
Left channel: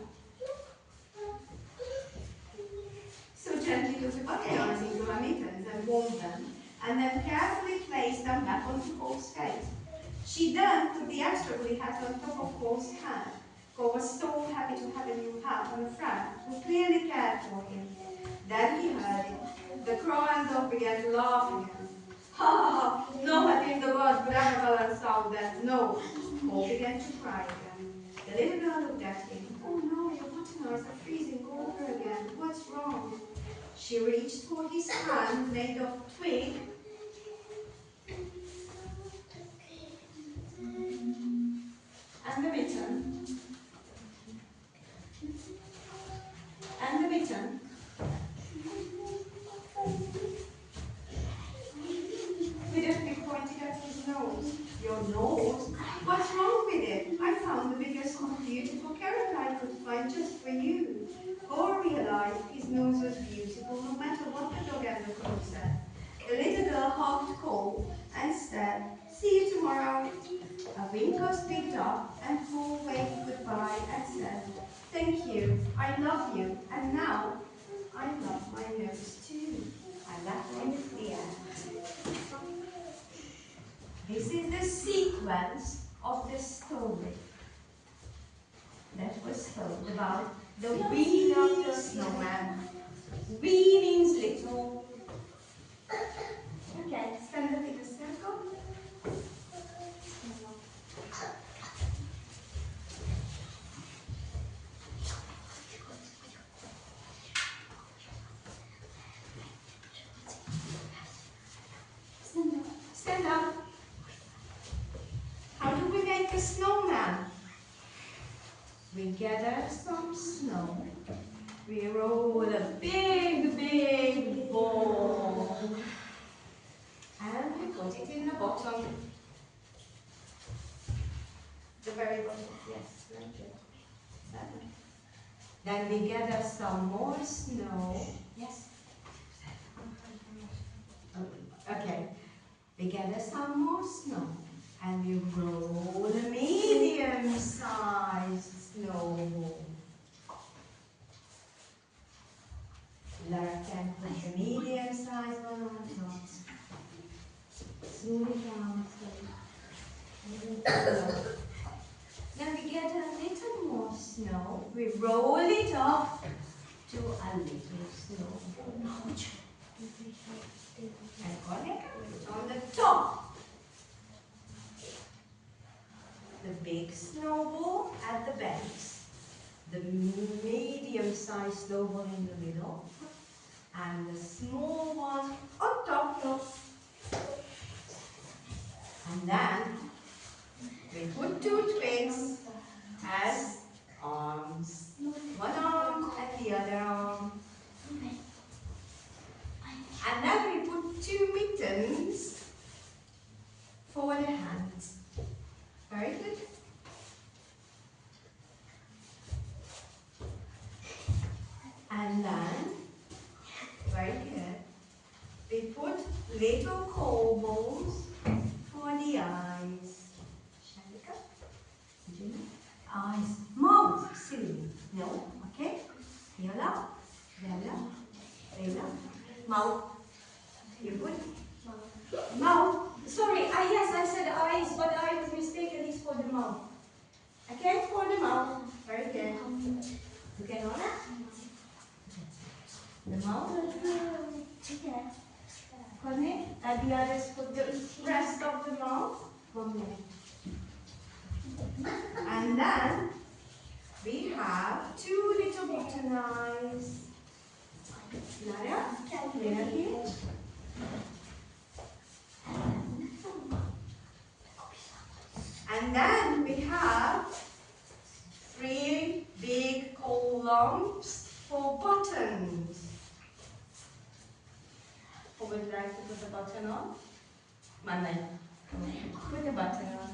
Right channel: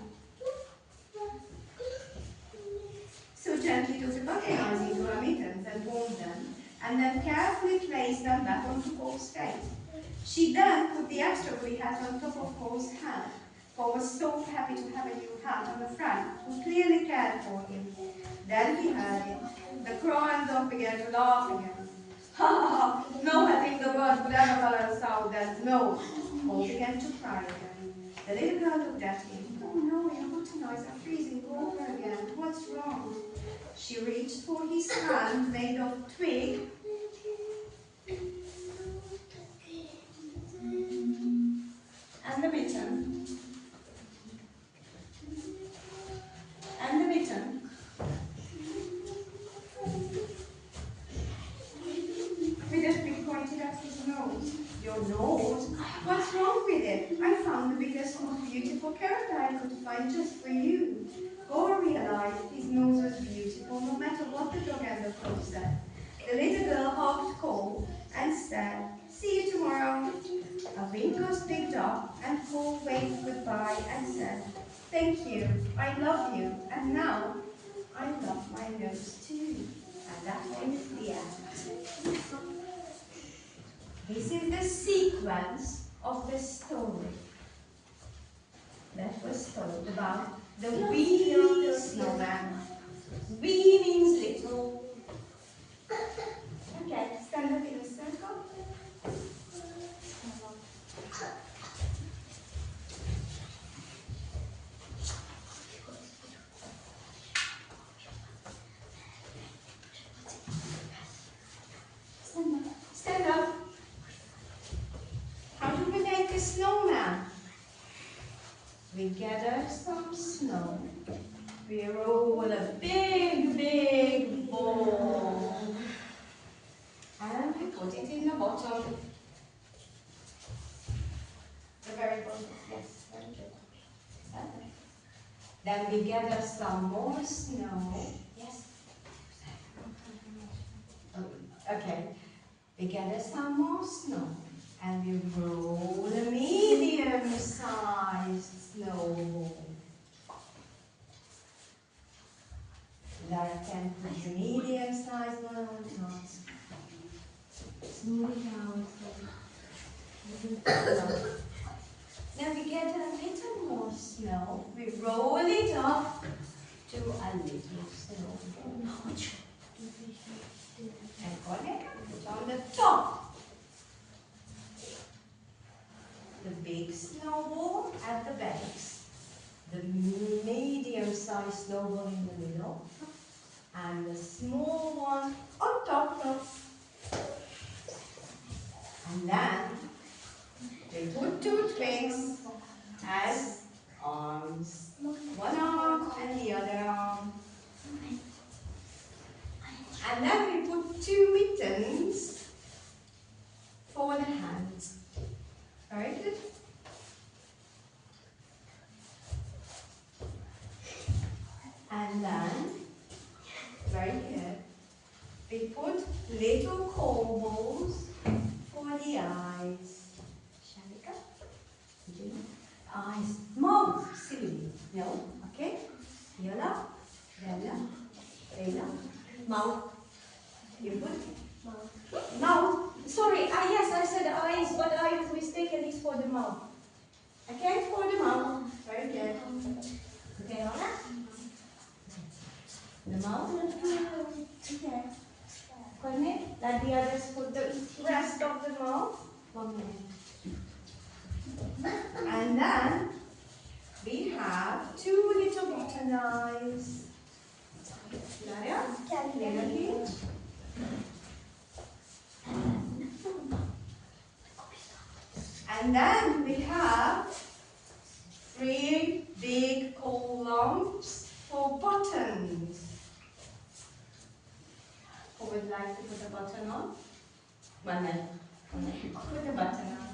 So gently took the button eyes into her mittens and warmed them, and then carefully placed them back onto Cole's face. She then put the extra woolly hat on top of Cole's hand. Cole was so happy to have a new hat on a friend who clearly cared for him. Then he heard it. The crow and dog began to laugh again. Ha ha ha! No hat in the world could ever balance out that nose. Cole began to cry again. The little girl looked at him. Oh no, your button eyes are freezing over again. What's wrong? She reached for his hand made of twig. And the mitten. And the mitten. With a stick pointed at his nose. Your nose? What's wrong with it? I found the biggest, most beautiful carrot I could find just for you. Cole realized his nose was beautiful no matter what the dog and the crow said. The little girl hugged Cole and said, see you tomorrow. A wing was picked up and Cole waved goodbye and said, thank you, I love you, and now I love my nose too. And that one is the end. This is the sequence of the story that was told about the wee snowman. Wee means little. Okay, stand up in a circle. Stand up. How do we make a snowman? We gather some snow. We roll a big, big ball. And we put it in the bottom. The very bottom, yes, very good. Then we gather some more snow. Yes? Okay. We gather some more snow. And we roll a medium-sized snowball. Like can put the medium-sized one on top. Smooth it out. Then we get a little more snow. We roll up to a little snowball. And connect it on the top. The big snowball at the base. The medium-sized snowball in the middle. And the small one on top. And then we put two twigs as arms. One arm and the other arm. And then we put two mittens for the hands. Very good. And then, right here, we put little cobbles for the eyes. Shall we go? Eyes. Mouth. Silly. No. Okay. Yellow. Mouth. You put mouth. Sorry. Yes, I said eyes, but I was mistaken. It's for the mouth. Okay, for the mouth. Very good. Okay, Lola. The mouth. Okay. Connect. Let the others put the rest of the mouth. And then we have two little button eyes. And then we have three big columns for buttons. Who would like to put a button on? Manai. Put the button on.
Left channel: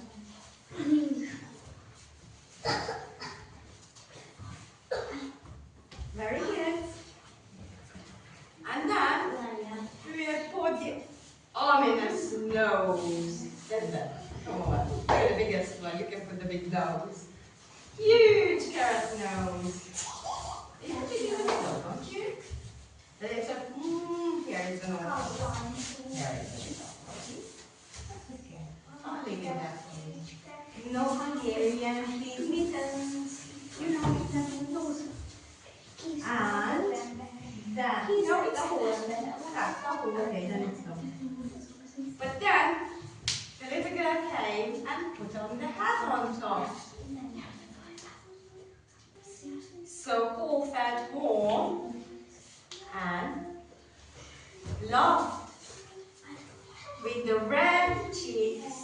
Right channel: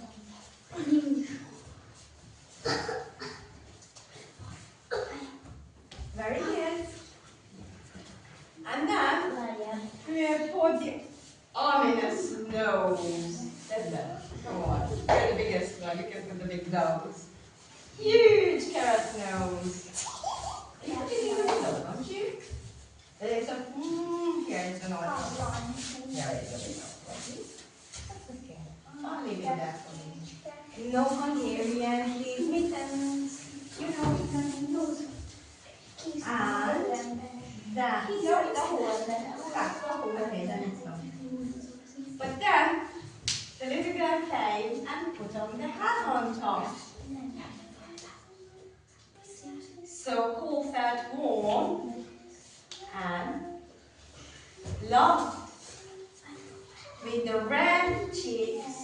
Very good. And then we put the ominous nose. Come on, you're the biggest one. You can put the big nose. Huge carrot nose. You put it in the middle, don't you? Then it's a here is the nose. There is the nose. That's okay. I'll leave it there for you. No Hungarian, please, mittens. You know, nose. And then, no, the whole. Okay, then it's not. But then, the little girl came and put on the hat on top. So Paul felt warm and loved with the red cheeks.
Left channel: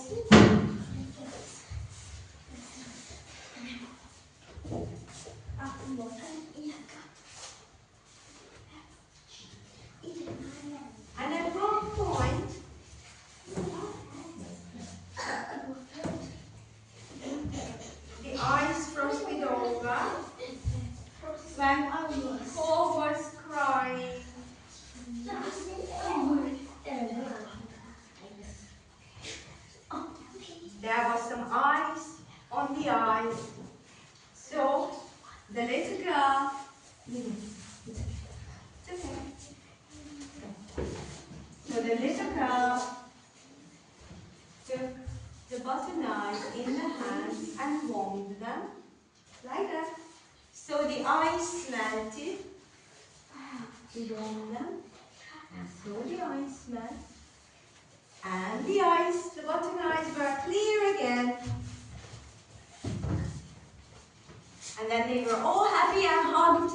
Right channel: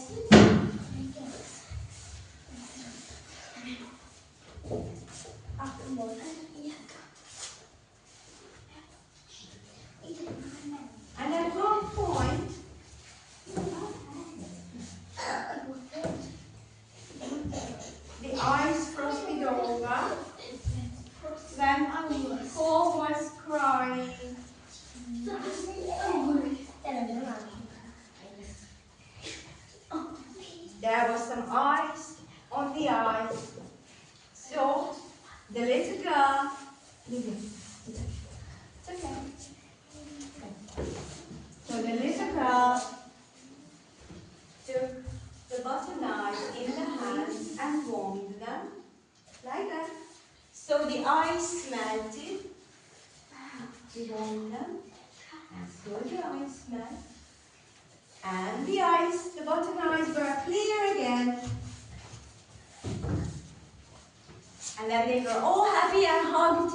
And at one point, the eyes crossed it over when Paul was crying. There was some ice on the eyes. So the little girl, it's okay. So the little girl took the button eyes in the hands and warmed them like that. So the ice melted. We warmed them, and so the ice melted. And the ice, the button eyes were clear again. And then they were all happy and hugged